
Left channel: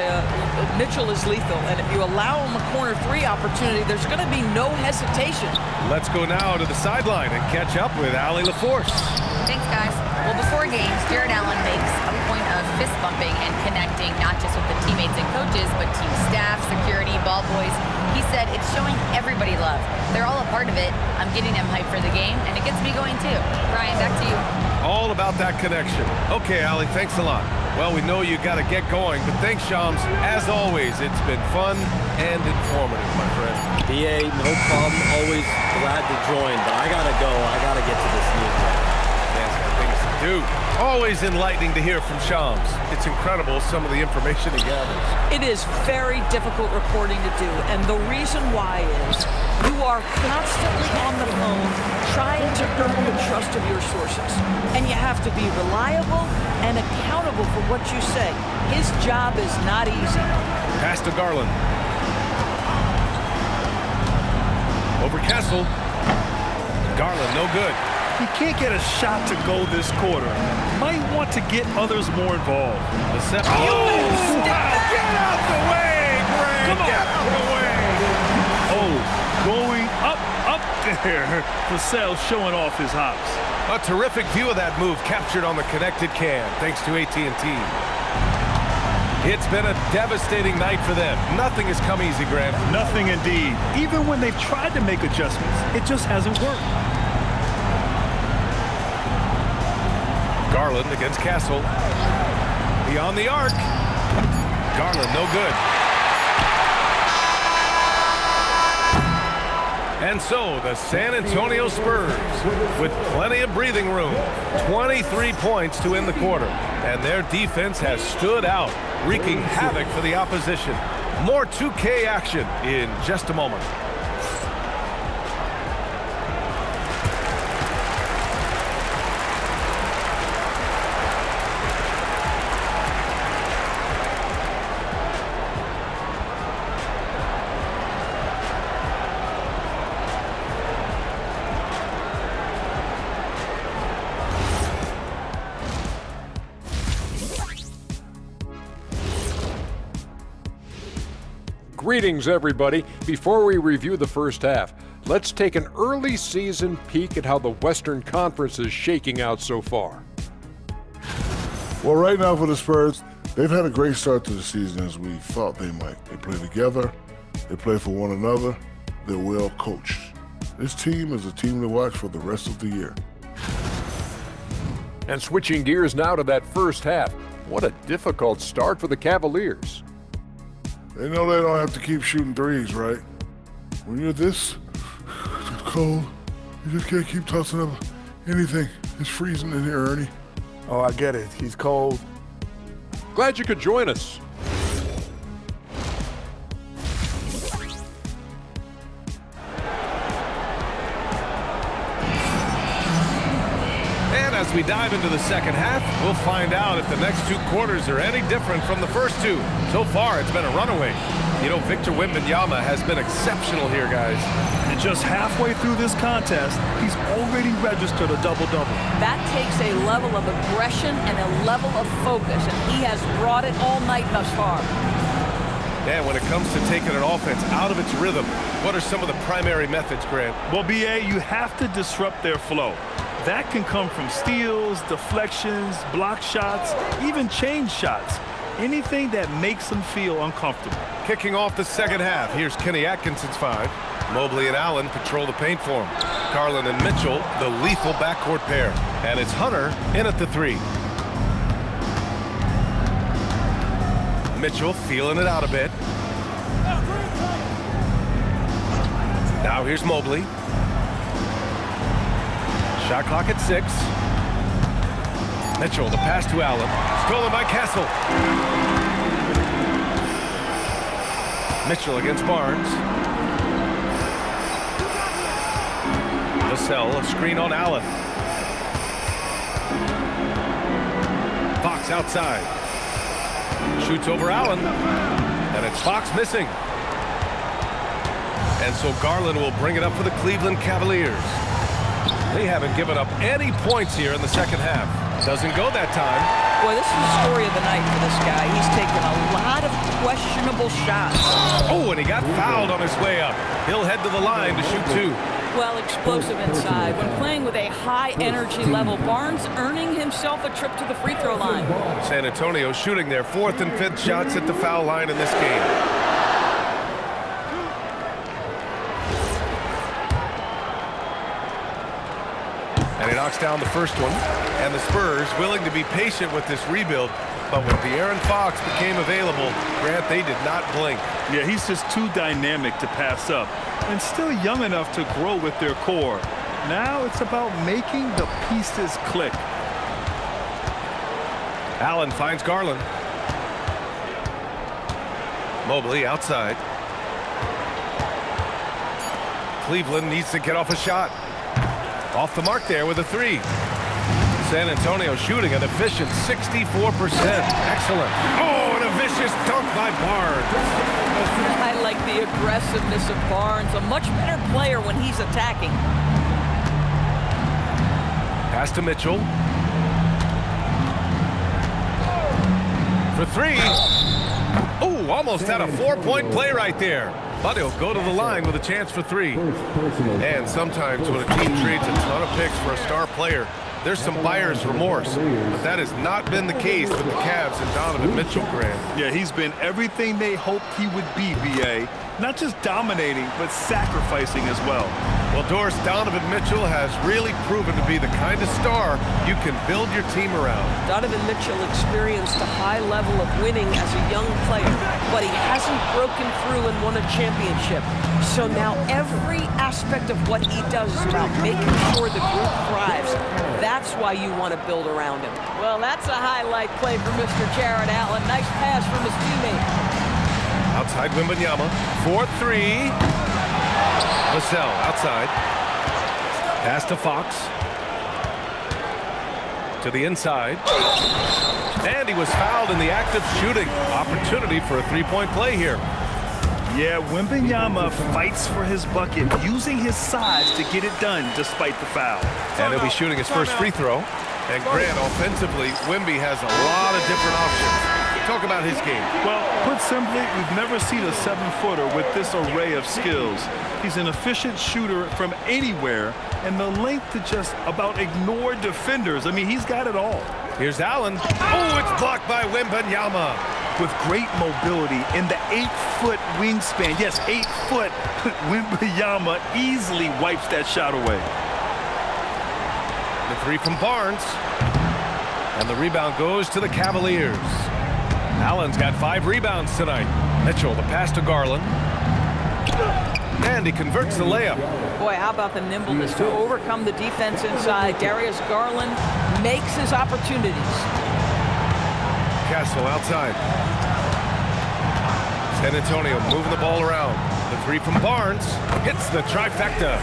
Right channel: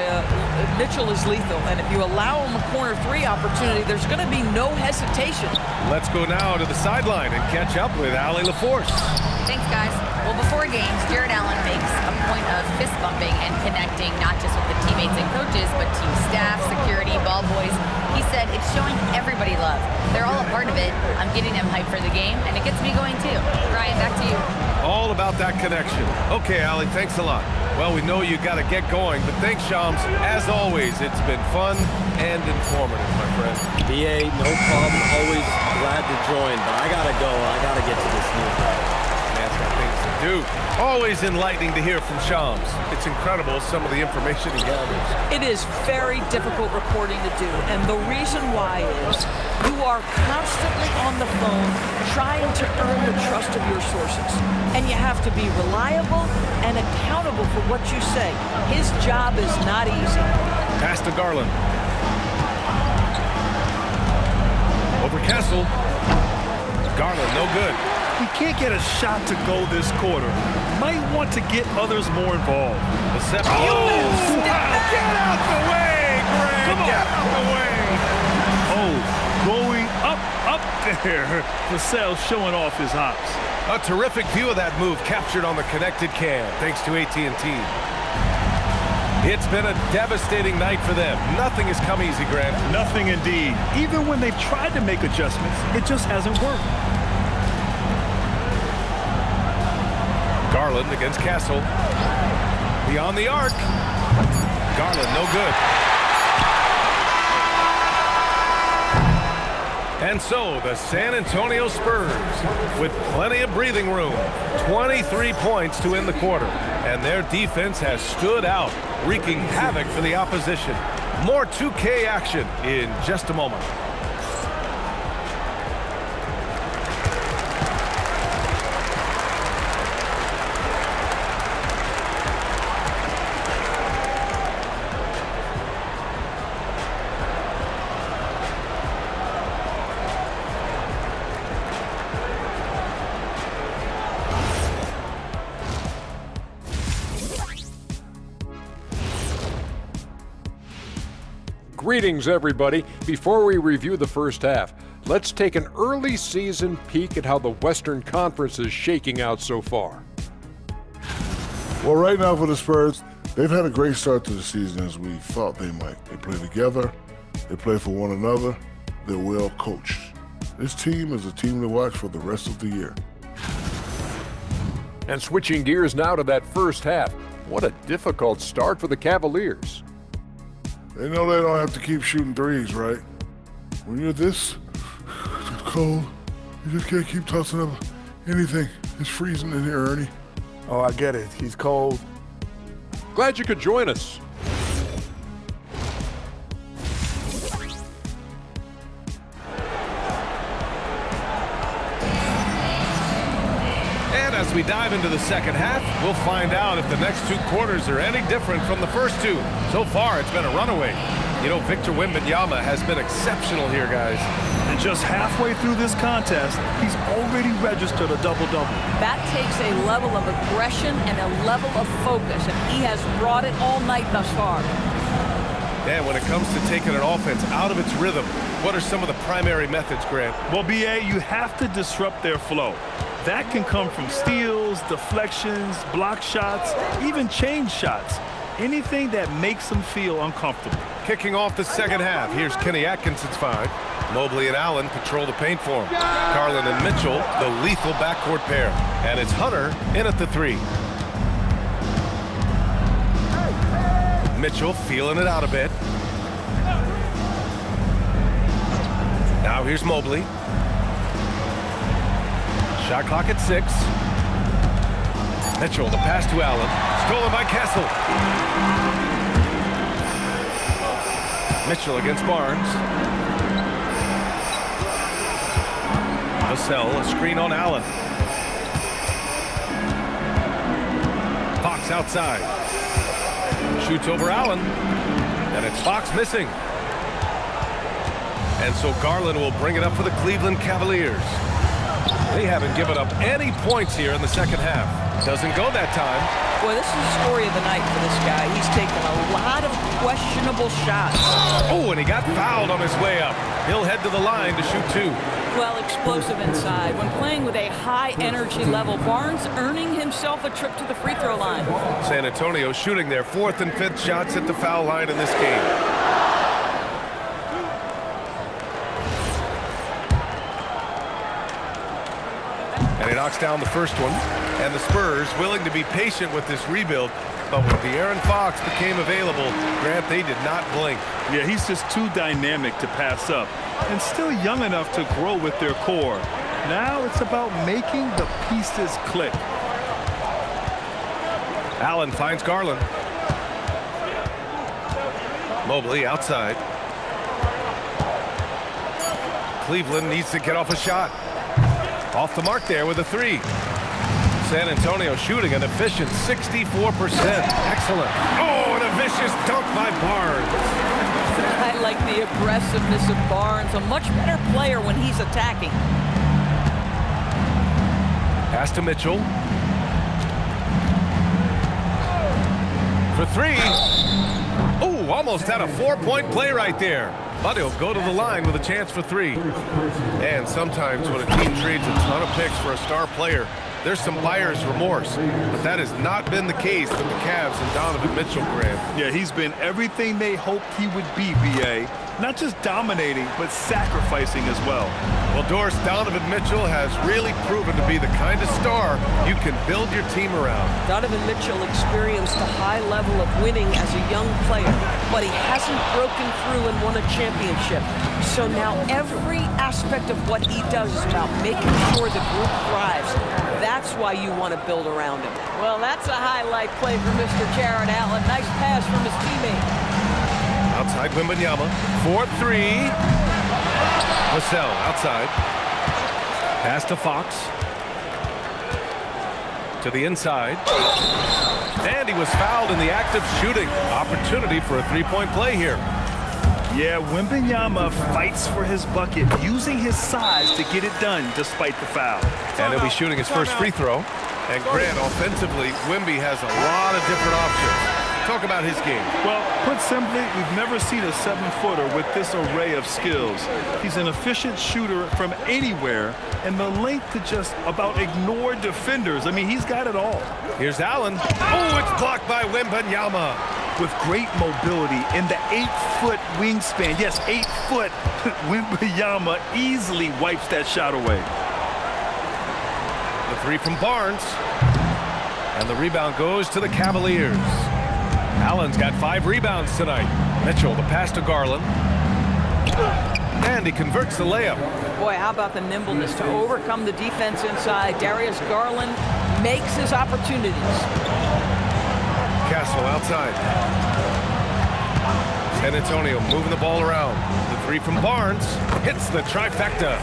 Mitchell is lethal, and if you allow him a corner 3 opportunity, there's going to be no hesitation. Let's go now to the sideline and catch up with Allie LaForce. Thanks, guys. Well, before games, Jared Allen makes a point of fist bumping and connecting not just with the teammates and coaches, but team staff, security, ball boys. He said it's showing everybody love. They're all a part of it. I'm getting them hyped for the game, and it gets me going too. Brian, back to you. All about that connection. Okay, Allie, thanks a lot. Well, we know you got to get going, but thanks, Shams. As always, it's been fun and informative, my friend. BA, no problem. Always glad to join, but I got to go. I got to get to this news right now. Man's got things to do. Always enlightening to hear from Shams. It's incredible some of the information he gathers. It is very difficult reporting to do, and the reason why is you are constantly on the phone trying to earn the trust of your sources. And you have to be reliable and accountable for what you say. His job is not easy. Pass to Garland. Over Castle. Garland, no good. He can't get a shot to go this quarter. Might want to get others more involved. The set. Oh, wow. Get out the way, Greg. Come on. Get out the way. Oh, going up there. Vassell showing off his hops. A terrific view of that move captured on the connected cam, thanks to AT&T. It's been a devastating night for them. Nothing has come easy, Grant. Nothing indeed. Even when they've tried to make adjustments, it just hasn't worked. Garland against Castle. Beyond the arc. Garland, no good. And so the San Antonio Spurs, with plenty of breathing room, 23 points to end the quarter. And their defense has stood out, wreaking havoc for the opposition. More 2K action in just a moment. Greetings, everybody. Before we review the first half, let's take an early season peek at how the Western Conference is shaking out so far. Well, right now for the Spurs, they've had a great start to the season as we thought they might. They play together, they play for one another, they're well coached. This team is a team to watch for the rest of the year. And switching gears now to that first half, what a difficult start for the Cavaliers. They know they don't have to keep shooting threes, right? When you're this cold, you just can't keep tossing up anything. It's freezing in here, Ernie. Oh, I get it. He's cold. Glad you could join us. And as we dive into the second half, we'll find out if the next two quarters are any different from the first two. So far, it's been a runaway. You know, Victor Wembanyama has been exceptional here, guys. And just halfway through this contest, he's already registered a double-double. That takes a level of aggression and a level of focus, and he has brought it all night thus far. Yeah, when it comes to taking an offense out of its rhythm, what are some of the primary methods, Grant? Well, B.A., you have to disrupt their flow. That can come from steals, deflections, block shots, even change shots. Anything that makes them feel uncomfortable. Kicking off the second half, here's Kenny Atkinson's 5. Mobley and Allen patrol the paint for him. Garland and Mitchell, the lethal backcourt pair. And it's Hunter in at the 3. Mitchell feeling it out a bit. Now here's Mobley. Shot clock at 6. Mitchell, the pass to Allen. Stolen by Kessel. Mitchell against Barnes. Vassell, a screen on Allen. Fox outside. Shoots over Allen. And it's Fox missing. And so Garland will bring it up for the Cleveland Cavaliers. They haven't given up any points here in the second half. Doesn't go that time. Boy, this is the story of the night for this guy. He's taken a lot of questionable shots. Oh, and he got fouled on his way up. He'll head to the line to shoot 2. Well, explosive inside. When playing with a high energy level, Barnes earning himself a trip to the free throw line. San Antonio shooting their 4th and 5th shots at the foul line in this game. And he knocks down the first one. And the Spurs willing to be patient with this rebuild. But when De'Aaron Fox became available, Grant, they did not blink. Yeah, he's just too dynamic to pass up. And still young enough to grow with their core. Now it's about making the pieces click. Allen finds Garland. Mobley outside. Cleveland needs to get off a shot. Off the mark there with a 3. San Antonio shooting an efficient 64%. Excellent. Oh, and a vicious dunk by Barnes. I like the aggressiveness of Barnes. A much better player when he's attacking. Pass to Mitchell. For 3. Oh, almost had a 4-point play right there. But he'll go to the line with a chance for 3. And sometimes when a team trades a ton of picks for a star player, there's some buyer's remorse. But that has not been the case with the Cavs and Donovan Mitchell, Graham. Yeah, he's been everything they hoped he would be, B.A. Not just dominating, but sacrificing as well. Well, Doris, Donovan Mitchell has really proven to be the kind of star you can build your team around. Donovan Mitchell experienced a high level of winning as a young player, but he hasn't broken through and won a championship. So now every aspect of what he does is about making sure the group thrives. That's why you want to build around him. Well, that's a highlight play for Mr. Jared Allen. Nice pass from his teammate. Outside Wembanyama. 4-3. Vassell outside. Pass to Fox. To the inside. And he was fouled in the act of shooting. Opportunity for a 3-point play here. Yeah, Wembanyama fights for his bucket, using his size to get it done despite the foul. And he'll be shooting his first free throw. And Grant, offensively, Wemby has a lot of different options. Talk about his game. Well, put simply, we've never seen a 7-footer with this array of skills. He's an efficient shooter from anywhere, and the length to just about ignore defenders. I mean, he's got it all. Here's Allen. Oh, it's blocked by Wembanyama. With great mobility in the 8-foot wingspan. Yes, 8 foot. Wembanyama easily wipes that shot away. The three from Barnes. And the rebound goes to the Cavaliers. Allen's got 5 rebounds tonight. Mitchell, the pass to Garland. And he converts the layup. Boy, how about the nimbleness to overcome the defense inside. Darius Garland makes his opportunities. Castle outside. San Antonio moving the ball around. The three from Barnes hits the trifecta.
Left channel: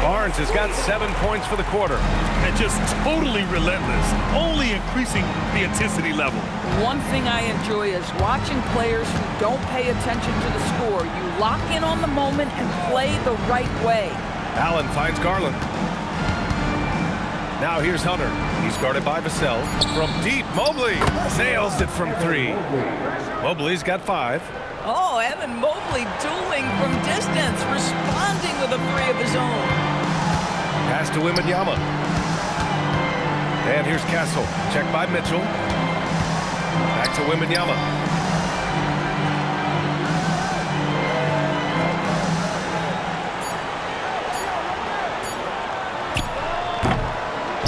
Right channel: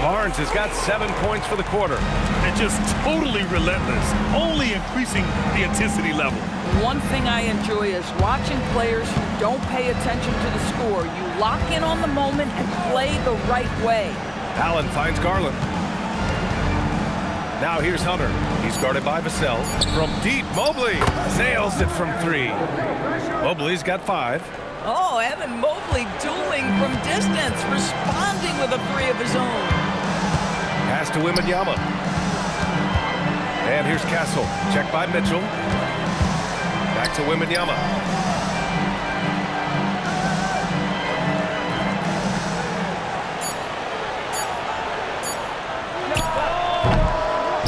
Barnes has got 7 points for the quarter. And just totally relentless, only increasing the intensity level. One thing I enjoy is watching players who don't pay attention to the score. You lock in on the moment and play the right way. Allen finds Garland. Now here's Hunter. He's guarded by Vassell. From deep, Mobley nails it from 3. Mobley's got 5. Oh, Evan Mobley dueling from distance, responding with a 3 of his own. Pass to Wembanyama. And here's Castle. Checked by Mitchell. Back to Wembanyama.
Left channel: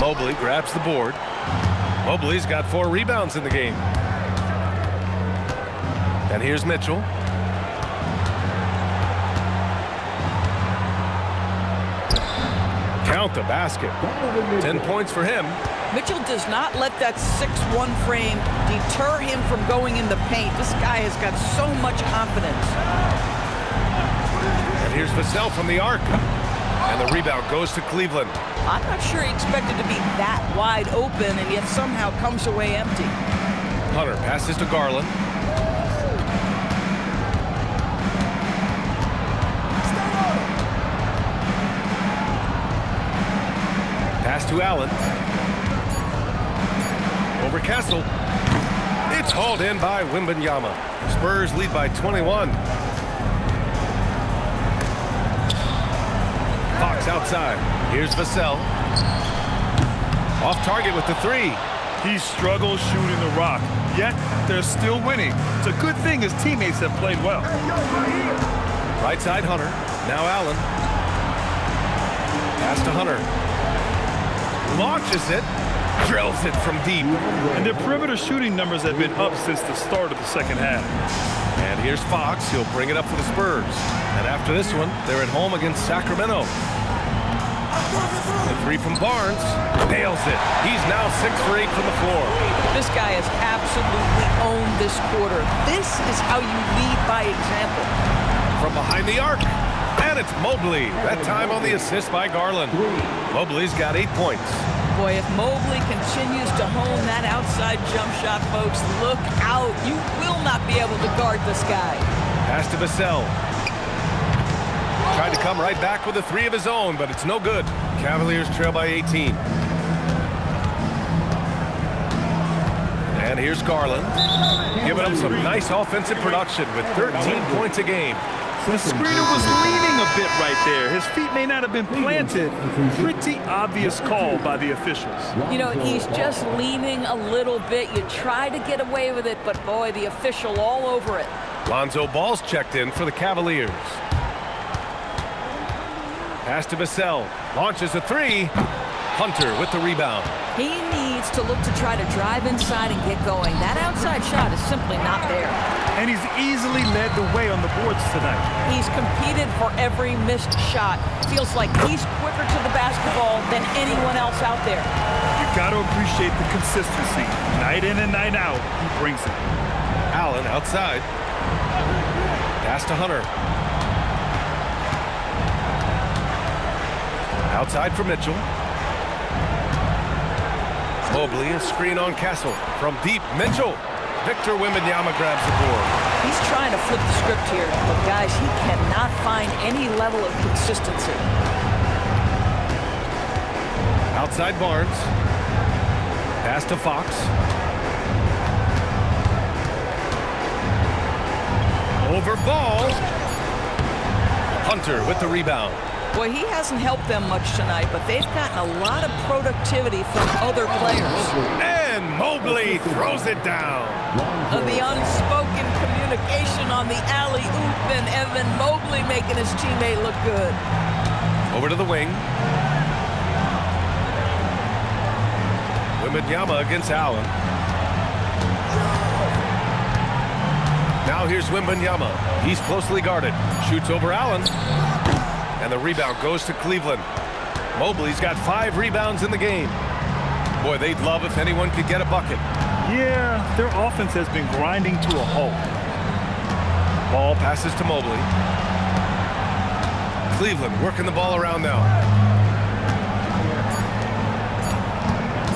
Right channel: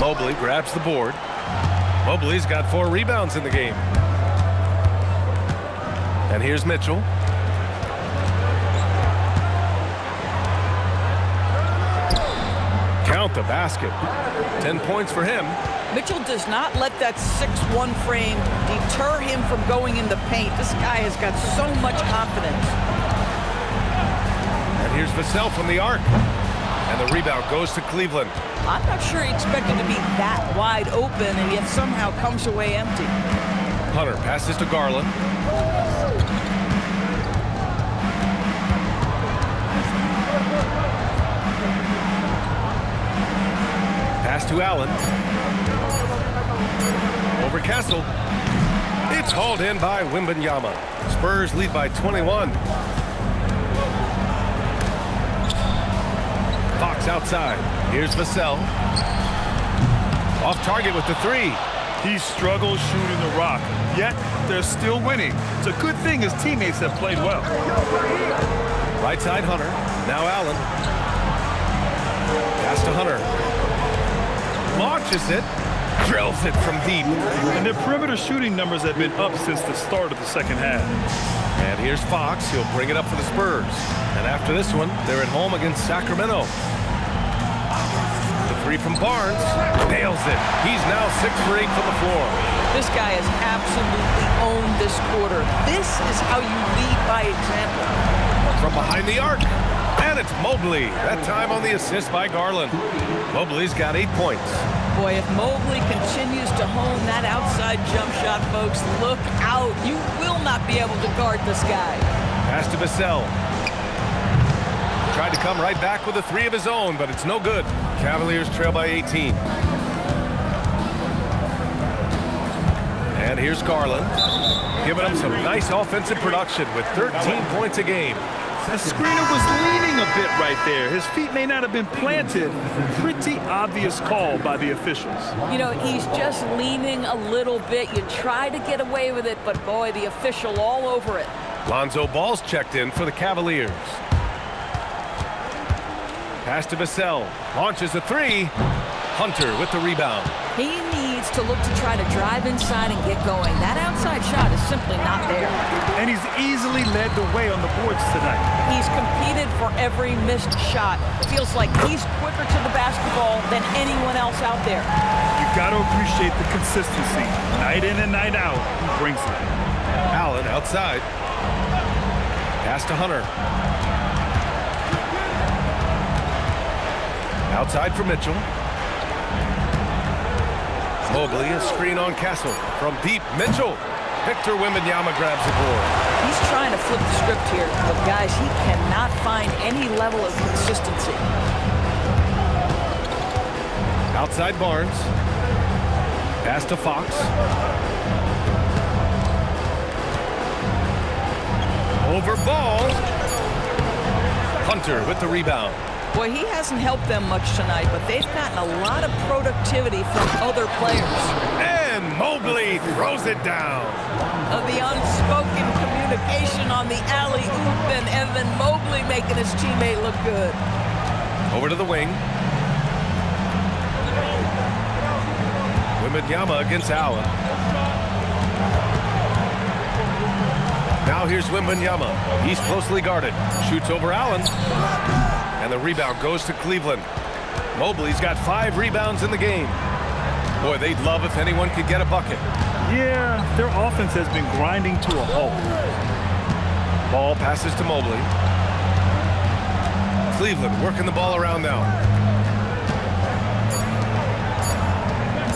Mobley grabs the board. Mobley's got 4 rebounds in the game. And here's Mitchell. Count the basket. 10 points for him. Mitchell does not let that 6'1" frame deter him from going in the paint. This guy has got so much confidence. And here's Vassell from the arc. And the rebound goes to Cleveland. I'm not sure he expected to be that wide open and yet somehow comes away empty. Hunter passes to Garland. Pass to Allen. Over Castle. It's hauled in by Wembanyama. Spurs lead by 21. Fox outside. Here's Vassell. Off target with the 3. He struggles shooting the rock, yet they're still winning. It's a good thing his teammates have played well. Right side Hunter. Now Allen. Pass to Hunter. Launches it. Drills it from deep. And their perimeter shooting numbers have been up since the start of the second half. And here's Fox. He'll bring it up for the Spurs. And after this one, they're at home against Sacramento. The 3 from Barnes. Nails it. He's now 6 for 8 from the floor. This guy has absolutely owned this quarter. This is how you lead by example. From behind the arc. And it's Mobley. That time on the assist by Garland. Mobley's got 8 points. Boy, if Mobley continues to hone that outside jump shot, folks, look out. You will not be able to guard this guy. Pass to Vassell. Tried to come right back with a 3 of his own, but it's no good. Cavaliers trail by 18. And here's Garland. Giving them some nice offensive production with 13 points a game. The screener was leaning a bit right there. His feet may not have been planted. Pretty obvious call by the officials. You know, he's just leaning a little bit. You try to get away with it, but boy, the official all over it. Lonzo Ball's checked in for the Cavaliers. Pass to Vassell. Launches a 3. Hunter with the rebound. He needs to look to try to drive inside and get going. That outside shot is simply not there. And he's easily led the way on the boards tonight. He's competed for every missed shot. Feels like he's quicker to the basketball than anyone else out there. You got to appreciate the consistency. Night in and night out, he brings it. Allen outside. Pass to Hunter. Outside for Mitchell. Mobley, a screen on Castle. From deep, Mitchell. Victor Wembanyama grabs the board. He's trying to flip the script here. But guys, he cannot find any level of consistency. Outside Barnes. Pass to Fox. Over Ball. Hunter with the rebound. Boy, he hasn't helped them much tonight, but they've gotten a lot of productivity from other players. And Mobley throws it down. The unspoken communication on the alley-oop, and Evan Mobley making his teammate look good. Over to the wing. Wembanyama against Allen. Now here's Wembanyama. He's closely guarded. Shoots over Allen. And the rebound goes to Cleveland. Mobley's got 5 rebounds in the game. Boy, they'd love if anyone could get a bucket. Yeah, their offense has been grinding to a halt. Ball passes to Mobley. Cleveland working the ball around now.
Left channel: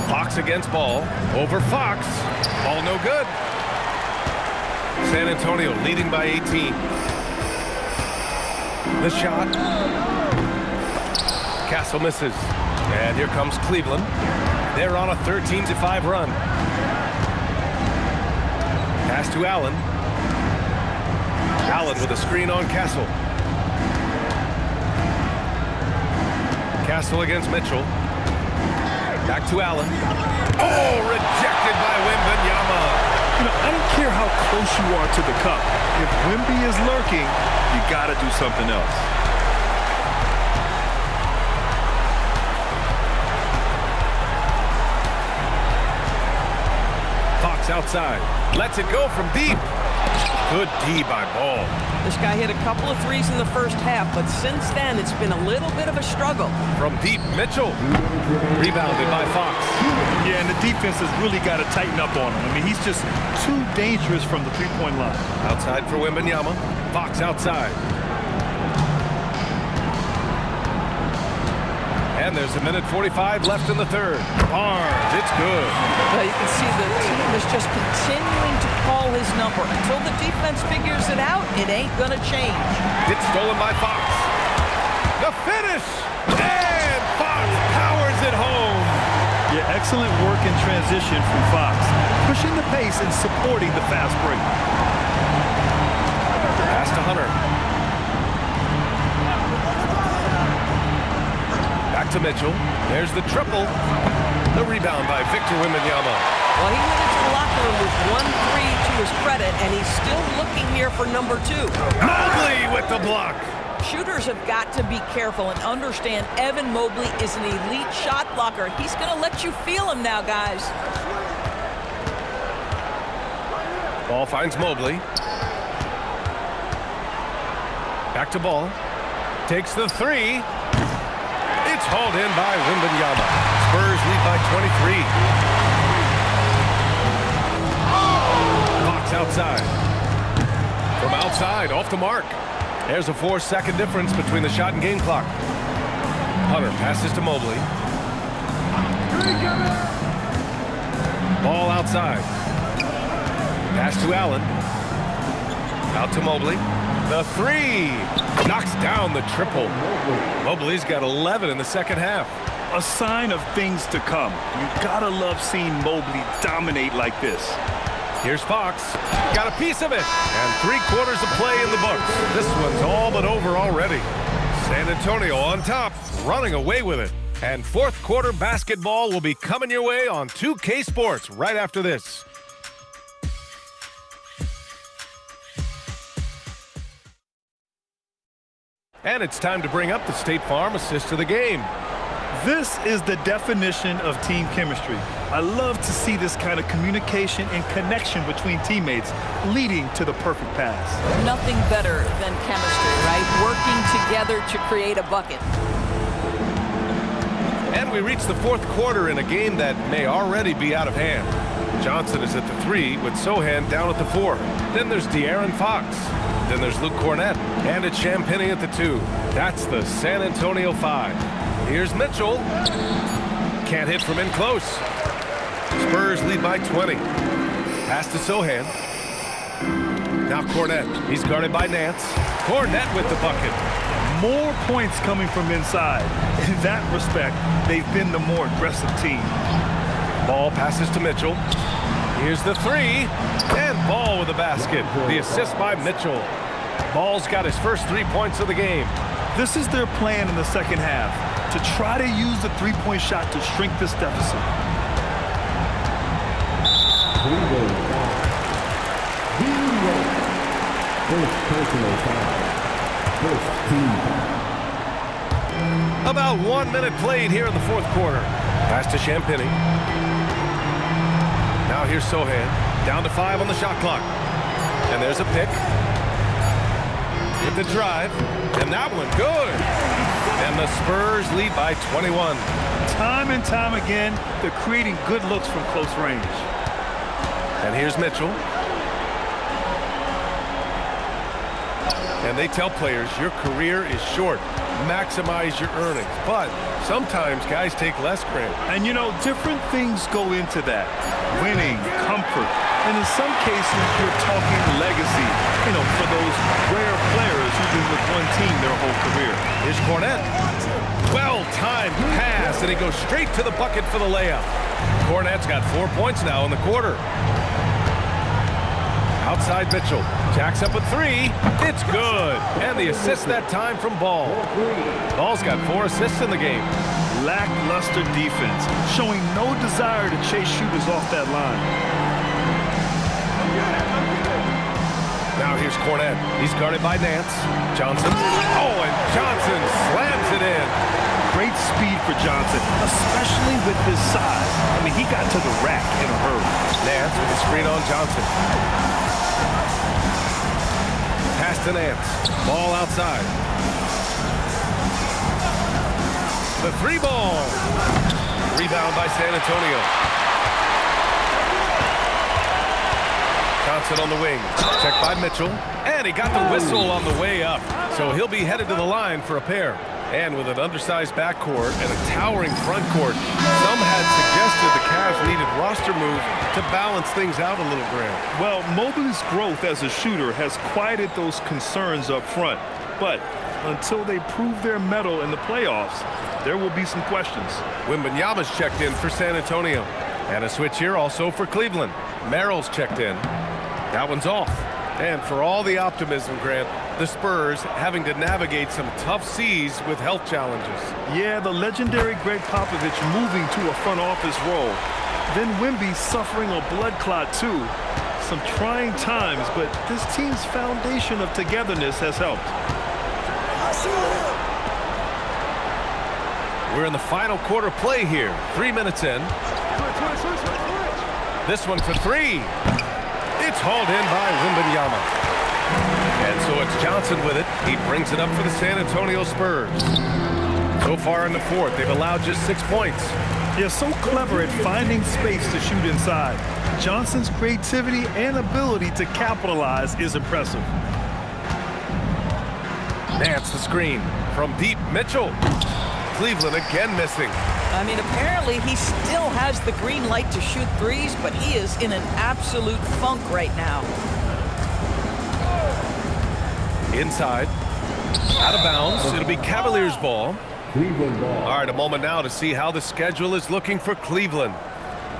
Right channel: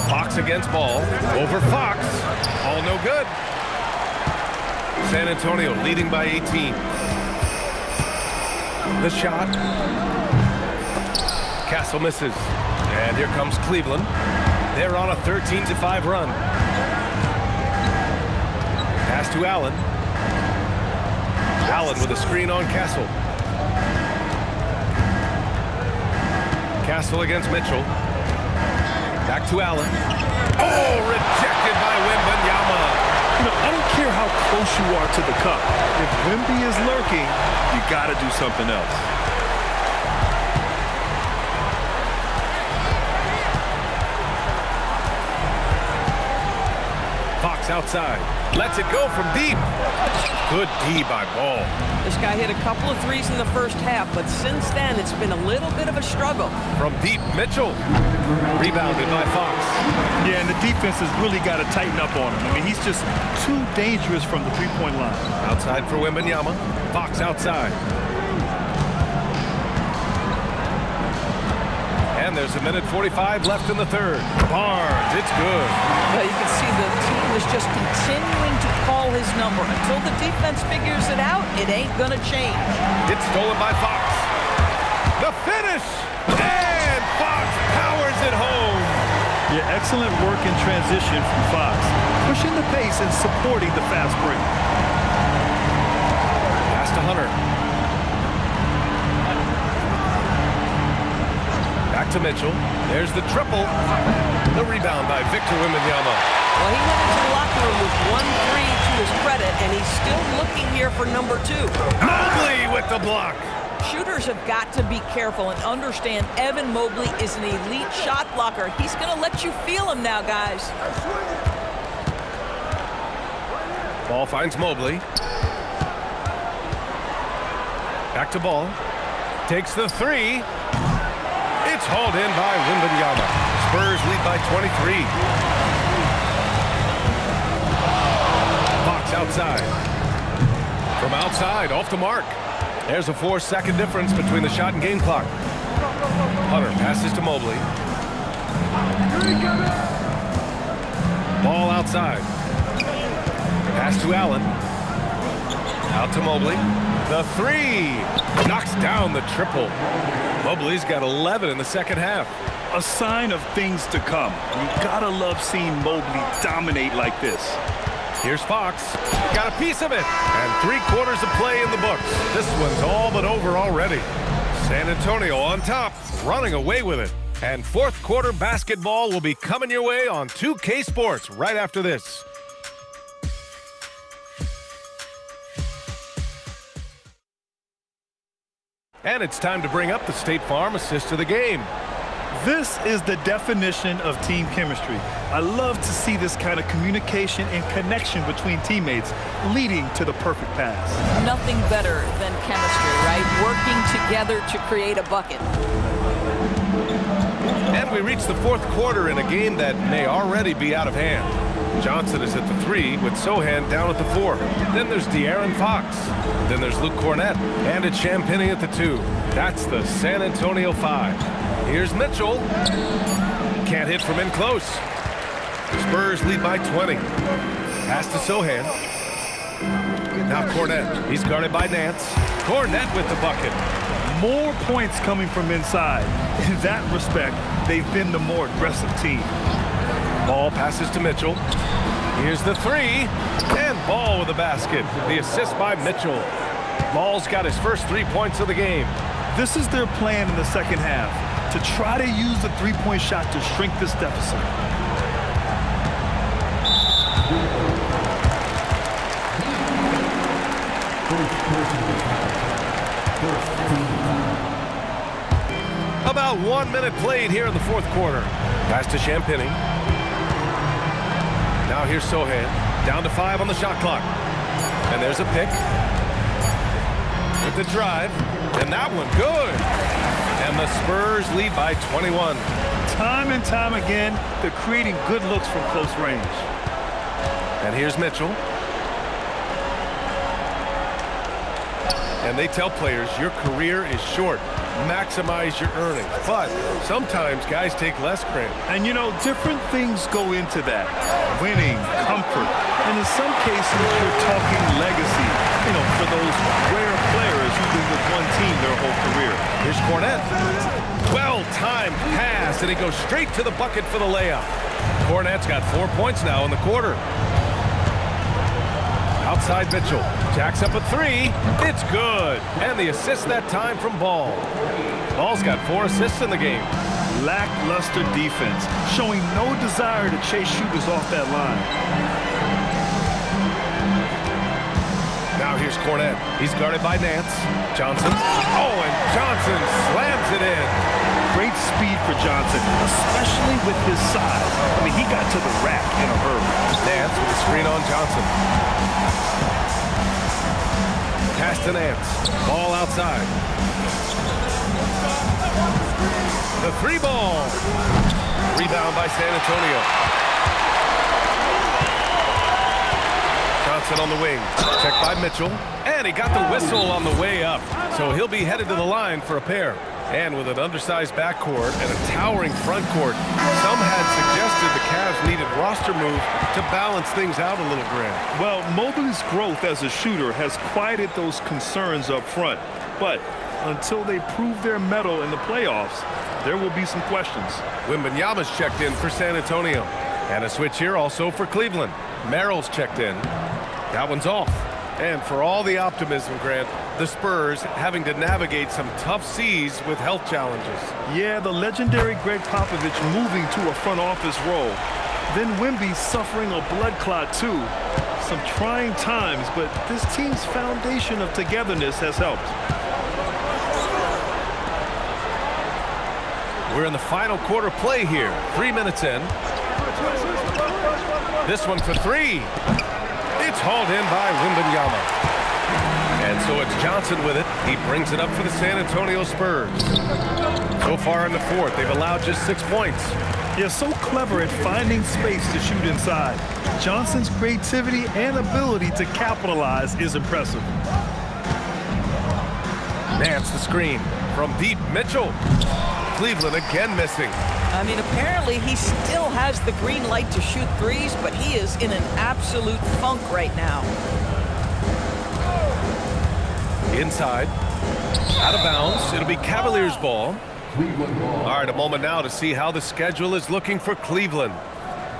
Fox against Ball. Over Fox. Ball no good. San Antonio leading by 18. The shot. Castle misses. And here comes Cleveland. They're on a 13-5 run. Pass to Allen. Allen with a screen on Castle. Castle against Mitchell. Back to Allen. Oh, rejected by Wembanyama. You know, I don't care how close you are to the cup. If Wemby is lurking, you got to do something else. Fox outside. Lets it go from deep. Good D by Ball. This guy hit a couple of threes in the first half, but since then it's been a little bit of a struggle. From deep, Mitchell. Rebounded by Fox. Yeah, and the defense has really got to tighten up on him. I mean, he's just too dangerous from the three-point line. Outside for Wembanyama. Fox outside. And there's 1:45 left in the third. Barnes, it's good. But you can see the team is just continuing to call his number. Until the defense figures it out, it ain't gonna change. It's stolen by Fox. The finish! And Fox powers it home. Yeah, excellent work in transition from Fox. Pushing the pace and supporting the fast break. Pass to Hunter. Back to Mitchell. There's the triple. The rebound by Victor Wembanyama. Well, he went into the locker room with 1-3 to his credit, and he's still looking here for number 2. Mobley with the block. Shooters have got to be careful and understand Evan Mobley is an elite shot blocker. He's going to let you feel him now, guys. Ball finds Mobley. Back to Ball. Takes the 3. It's hauled in by Wembanyama. Spurs lead by 23. Fox outside. From outside, off the mark. There's a 4-second difference between the shot and game clock. Hunter passes to Mobley. Ball outside. Pass to Allen. Out to Mobley. The 3. Knocks down the triple. Mobley's got 11 in the second half. A sign of things to come. You gotta love seeing Mobley dominate like this. Here's Fox. Got a piece of it. And 3/4 of play in the books. This one's all but over already. San Antonio on top, running away with it. And fourth quarter basketball will be coming your way on 2K Sports right after this. And it's time to bring up the State Farm assist of the game. This is the definition of team chemistry. I love to see this kind of communication and connection between teammates leading to the perfect pass. Nothing better than chemistry, right? Working together to create a bucket. And we reach the fourth quarter in a game that may already be out of hand. Johnson is at the 3 with Sohan down at the 4. Then there's De'Aaron Fox. Then there's Luke Cornett. And it's Champagnie at the 2. That's the San Antonio 5. Here's Mitchell. Can't hit from in close. Spurs lead by 20. Pass to Sohan. Now Cornett. He's guarded by Nance. Cornett with the bucket. More points coming from inside. In that respect, they've been the more aggressive team. Ball passes to Mitchell. Here's the 3. And Ball with the basket. The assist by Mitchell. Ball's got his first 3 points of the game. This is their plan in the second half, to try to use the three-point shot to shrink this deficit. First personal foul. First team foul. About 1 minute played here in the fourth quarter. Pass to Champagny. Now here's Sohan. Down to 5 on the shot clock. And there's a pick. With the drive. And that one good. And the Spurs lead by 21. Time and time again, they're creating good looks from close range. And here's Mitchell. And they tell players your career is short. Maximize your earnings. But sometimes guys take less, Grant. And you know, different things go into that. Winning, comfort, and in some cases, you're talking legacy, you know, for those rare players who've been with one team their whole career. Here's Cornette. Well-timed pass, and he goes straight to the bucket for the layup. Cornette's got 4 points now in the quarter. Outside Mitchell. Jacks up a 3. It's good. And the assist that time from Ball. Ball's got 4 assists in the game. Lackluster defense, showing no desire to chase shooters off that line. Now here's Cornette. He's guarded by Nance. Johnson. Oh, and Johnson slams it in. Great speed for Johnson, especially with his size. I mean, he got to the rack in a hurry. Nance with a screen on Johnson. Pass to Nance. Ball outside. The 3 ball. Rebound by San Antonio. Johnson on the wing. Checked by Mitchell. And he got the whistle on the way up. So he'll be headed to the line for a pair. And with an undersized backcourt and a towering front court, some had suggested the Cavs needed roster moves to balance things out a little, Grant. Well, Mobley's growth as a shooter has quieted those concerns up front. But until they prove their mettle in the playoffs, there will be some questions. Wembanyama's checked in for San Antonio. And a switch here also for Cleveland. Merrill's checked in. That one's off. And for all the optimism, Grant, the Spurs having to navigate some tough seas with health challenges. Yeah, the legendary Greg Popovich moving to a front office role. Then Wemby suffering a blood clot too. Some trying times, but this team's foundation of togetherness has helped. We're in the final quarter play here. 3 minutes in. This one for 3. It's hauled in by Wembanyama. And so it's Johnson with it. He brings it up for the San Antonio Spurs. So far in the fourth, they've allowed just 6 points. They're so clever at finding space to shoot inside. Johnson's creativity and ability to capitalize is impressive. Nance the screen. From deep, Mitchell. Cleveland again missing. I mean, apparently he still has the green light to shoot threes, but he is in an absolute funk right now. Inside. Out of bounds. It'll be Cavaliers ball. Cleveland ball. All right, a moment now to see how the schedule is looking for Cleveland.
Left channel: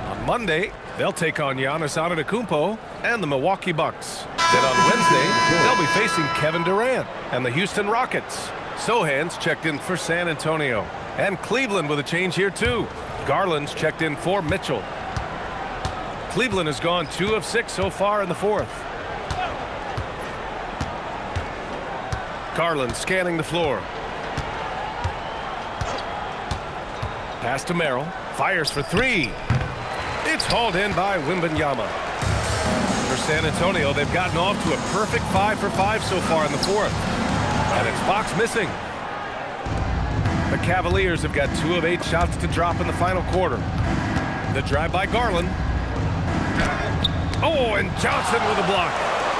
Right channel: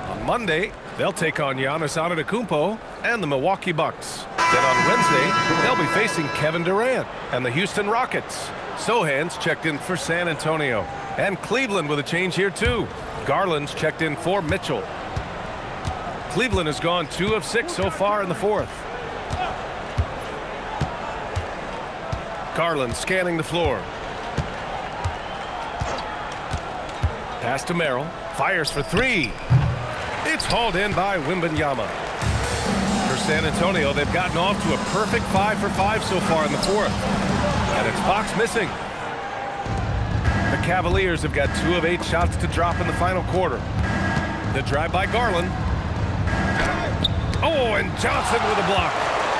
On Monday, they'll take on Giannis Antetokounmpo and the Milwaukee Bucks. Then on Wednesday, they'll be facing Kevin Durant and the Houston Rockets. Sohan's checked in for San Antonio. And Cleveland with a change here too. Garland's checked in for Mitchell. Cleveland has gone 2 of 6 so far in the fourth. Garland scanning the floor. Pass to Merrill. Fires for 3. It's hauled in by Wembanyama. For San Antonio, they've gotten off to a perfect 5 for 5 so far in the fourth. And it's Fox missing. The Cavaliers have got 2 of 8 shots to drop in the final quarter. The drive by Garland. Oh, and Johnson with a block.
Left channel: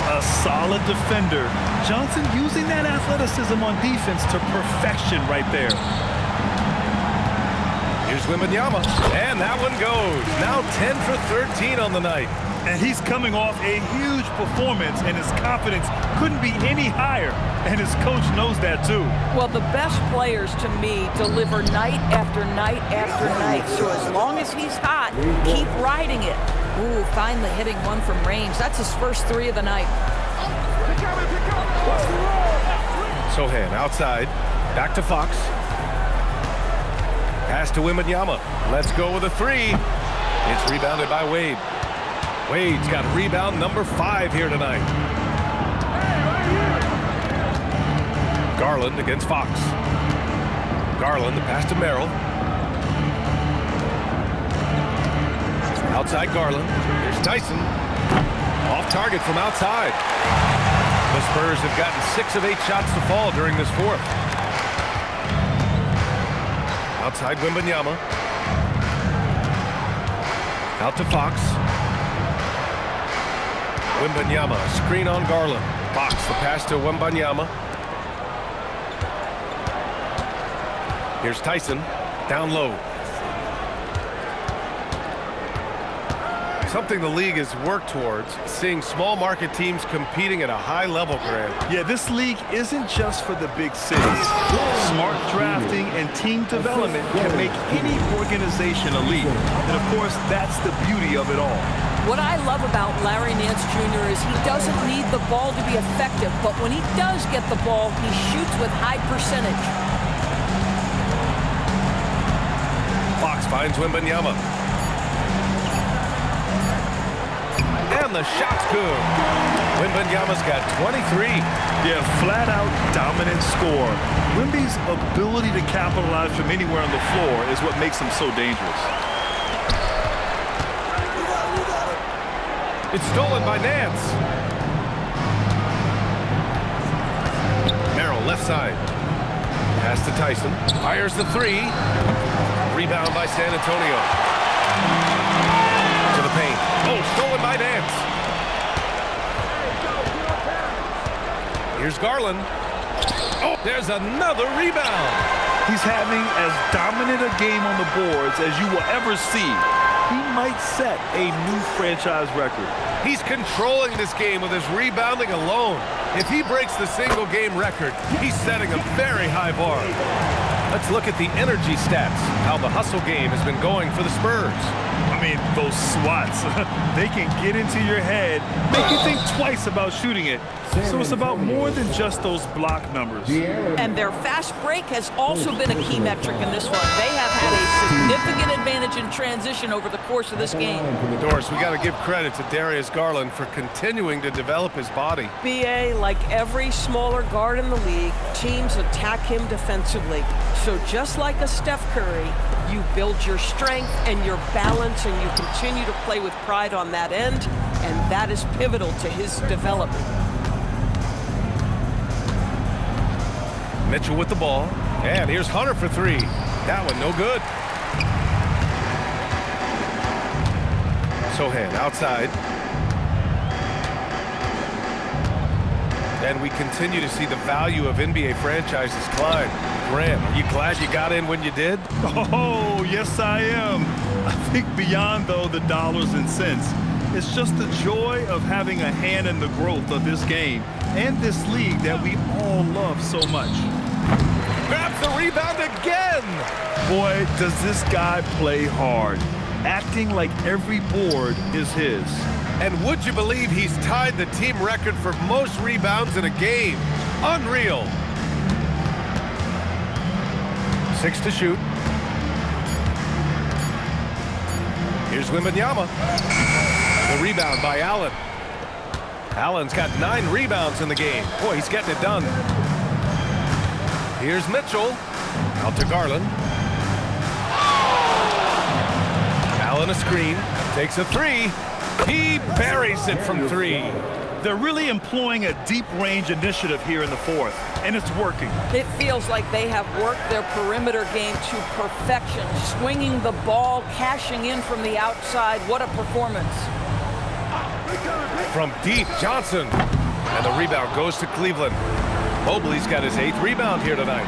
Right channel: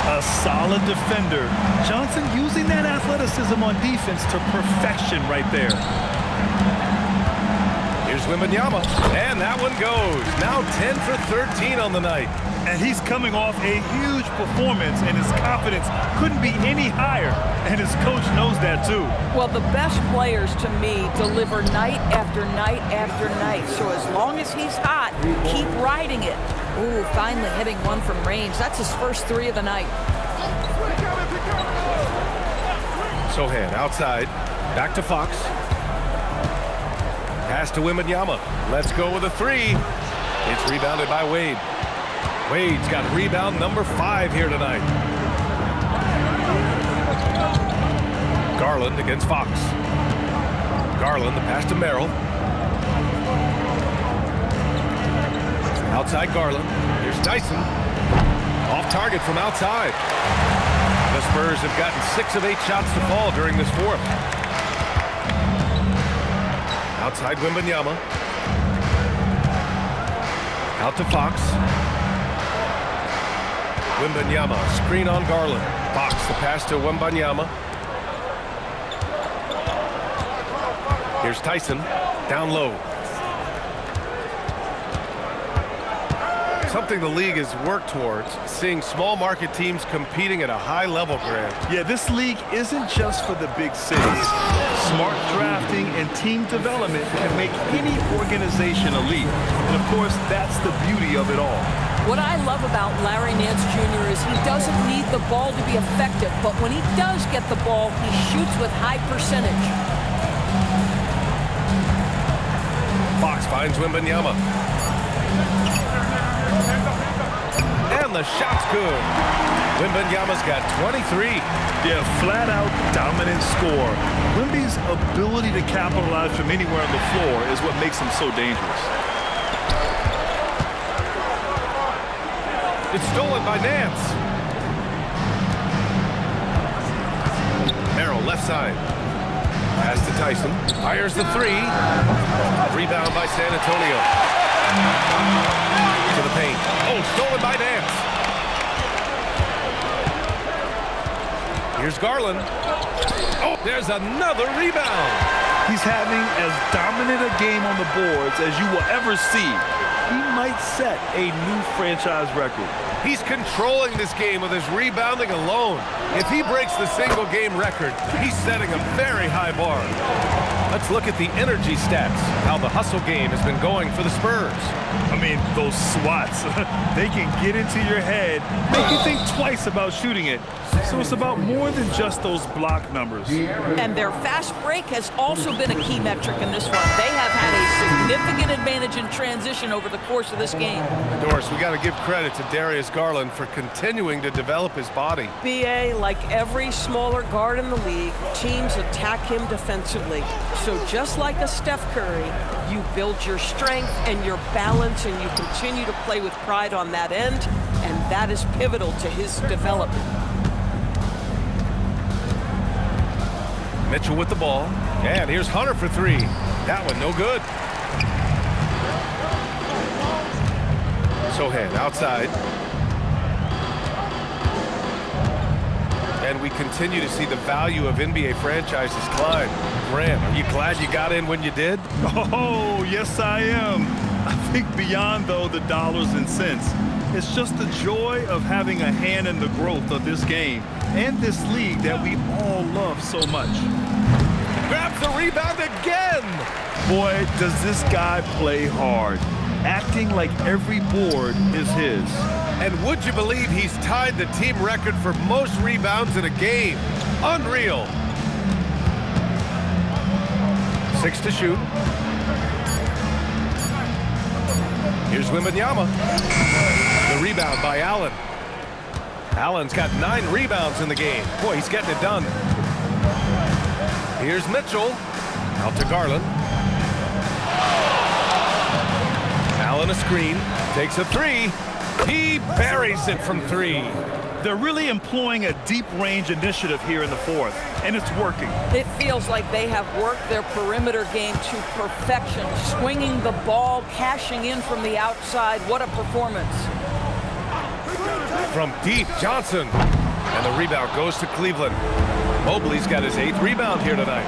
A solid defender. Johnson using that athleticism on defense to perfection right there. Here's Wembanyama, and that one goes. Now 10 for 13 on the night. And he's coming off a huge performance, and his confidence couldn't be any higher. And his coach knows that too. Well, the best players to me deliver night after night after night. So as long as he's hot, keep riding it. Ooh, finally hitting one from range. That's his first 3 of the night. Sohan outside. Back to Fox. Pass to Wembanyama. Let's go with a three. It's rebounded by Wade. Wade's got rebound number 5 here tonight. Garland against Fox. Garland, the pass to Merrill. Outside Garland. Here's Tyson. Off target from outside. The Spurs have gotten 6 of 8 shots to fall during this fourth. Outside Wembanyama. Out to Fox. Wembanyama, screen on Garland. Fox, the pass to Wembanyama. Here's Tyson, down low. Something the league has worked towards, seeing small market teams competing at a high level, Grant. Yeah, this league isn't just for the big cities. Smart drafting and team development can make any organization elite. And of course, that's the beauty of it all. What I love about Larry Nance Jr. is he doesn't need the ball to be effective, but when he does get the ball, he shoots with high percentage. Fox finds Wembanyama. And the shot's good. Wembanyama's got 23. Yeah, flat-out dominant score. Wemby's ability to capitalize from anywhere on the floor is what makes him so dangerous. It's stolen by Nance. Merrill, left side. Pass to Tyson. Fires the three. Rebound by San Antonio. To the paint. Oh, stolen by Nance. Here's Garland. Oh, there's another rebound. He's having as dominant a game on the boards as you will ever see. He might set a new franchise record. He's controlling this game with his rebounding alone. If he breaks the single game record, he's setting a very high bar. Let's look at the energy stats, how the hustle game has been going for the Spurs. I mean, those swats, they can get into your head, make you think twice about shooting it. So it's about more than just those block numbers. And their fast break has also been a key metric in this one. They have had a significant advantage in transition over the course of this game. Doris, we got to give credit to Darius Garland for continuing to develop his body. BA, like every smaller guard in the league, teams attack him defensively. So just like a Steph Curry, you build your strength and your balance, and you continue to play with pride on that end, and that is pivotal to his development. Mitchell with the ball. And here's Hunter for three. That one no good. Sohan outside. And we continue to see the value of NBA franchises climb. Grant, are you glad you got in when you did? Oh, yes, I am. I think beyond, though, the dollars and cents, it's just the joy of having a hand in the growth of this game and this league that we all love so much. Grabs the rebound again. Boy, does this guy play hard, acting like every board is his. And would you believe he's tied the team record for most rebounds in a game? Unreal. 6 to shoot. Here's Wembanyama. The rebound by Allen. Allen's got 9 rebounds in the game. Boy, he's getting it done. Here's Mitchell. Out to Garland. Allen a screen. Takes a three. He buries it from 3. They're really employing a deep range initiative here in the fourth, and it's working. It feels like they have worked their perimeter game to perfection, swinging the ball, cashing in from the outside. What a performance. From deep, Johnson. And the rebound goes to Cleveland. Mobley's got his 8th rebound here tonight.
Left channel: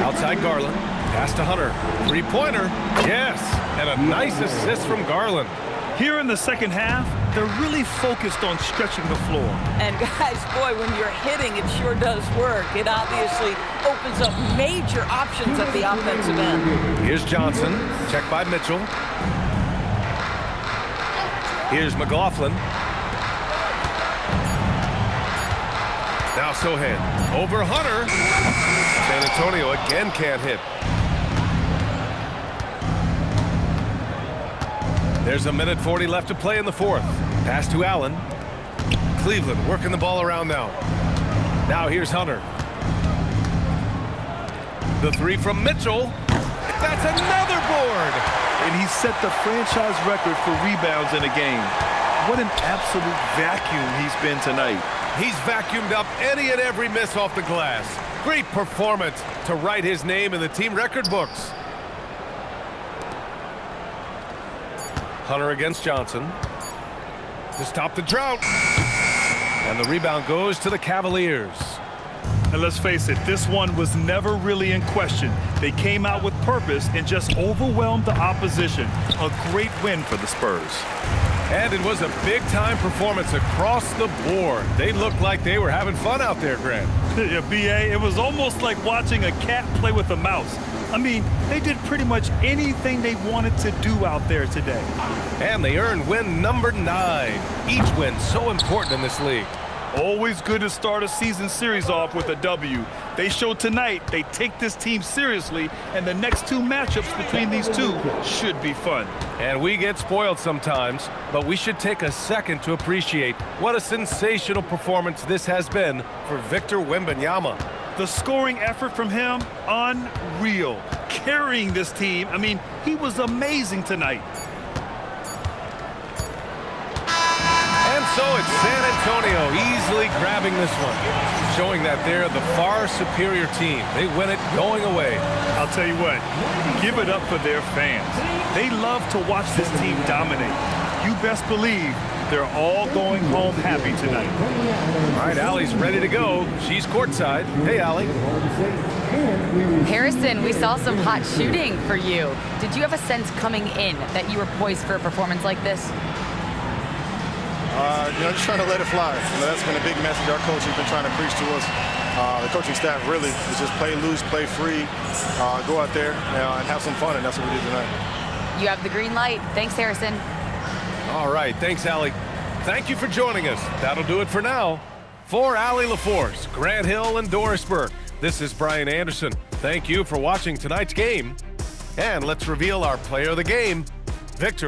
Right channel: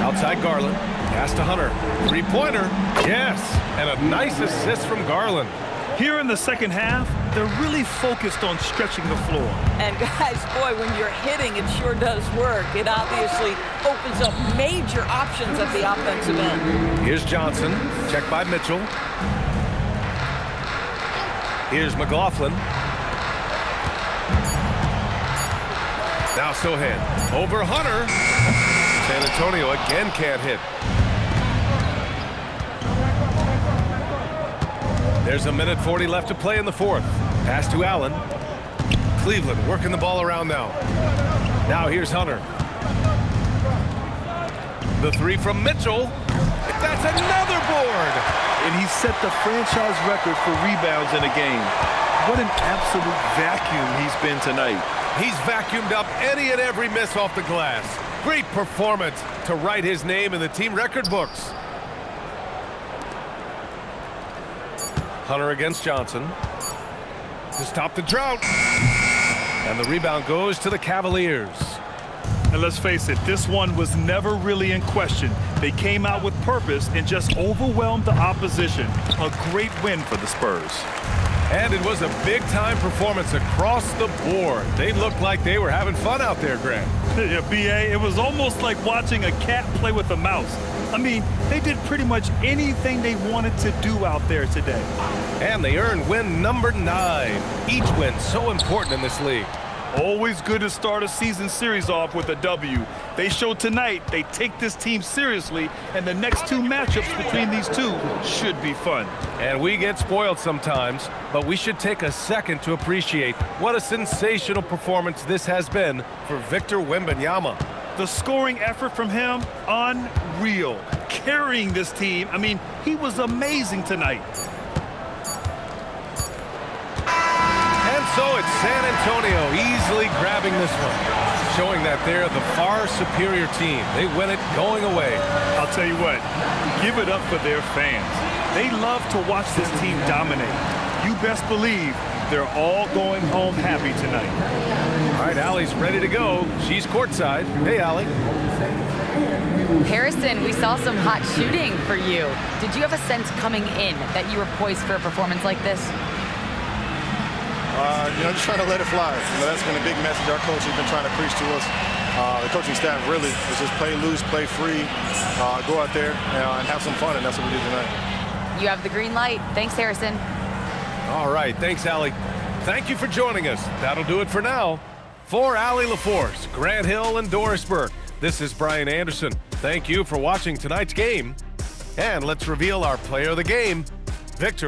Outside Garland. Pass to Hunter. 3-pointer. Yes. And a nice assist from Garland. Here in the second half, they're really focused on stretching the floor. And guys, boy, when you're hitting, it sure does work. It obviously opens up major options at the offensive end. Here's Johnson. Checked by Mitchell. Here's McLaughlin. Now Sohan over Hunter. San Antonio again can't hit. There's a minute 40 left to play in the fourth. Pass to Allen. Cleveland working the ball around now. Now here's Hunter. The three from Mitchell. That's another board. And he set the franchise record for rebounds in a game. What an absolute vacuum he's been tonight. He's vacuumed up any and every miss off the glass. Great performance to write his name in the team record books. Hunter against Johnson to stop the drought. And the rebound goes to the Cavaliers. And let's face it, this one was never really in question. They came out with purpose and just overwhelmed the opposition. A great win for the Spurs. And it was a big-time performance across the board. They looked like they were having fun out there, Grant. Yeah, B.A., it was almost like watching a cat play with a mouse. I mean, they did pretty much anything they wanted to do out there today. And they earned win number 9. Each win so important in this league. Always good to start a season series off with a W. They showed tonight they take this team seriously, and the next 2 matchups between these two should be fun. And we get spoiled sometimes, but we should take a second to appreciate what a sensational performance this has been for Victor Wembanyama. The scoring effort from him, unreal. Carrying this team, I mean, he was amazing tonight. And so it's San Antonio easily grabbing this one, showing that they're the far superior team. They win it going away. I'll tell you what, give it up for their fans. They love to watch this team dominate. You best believe they're all going home happy tonight. All right, Allie's ready to go. She's courtside. Hey, Allie. Harrison, we saw some hot shooting for you. Did you have a sense coming in that you were poised for a performance like this? Just trying to let it fly. That's been a big message our coach has been trying to preach to us. The coaching staff really is just play loose, play free, go out there and have some fun, and that's what we did tonight. You have the green light. Thanks, Harrison. All right, thanks, Allie. Thank you for joining us. That'll do it for now. For Allie LaForce, Grant Hill, and Doris Burke, this is Brian Anderson. Thank you for watching tonight's game. And let's reveal our player of the game, Victor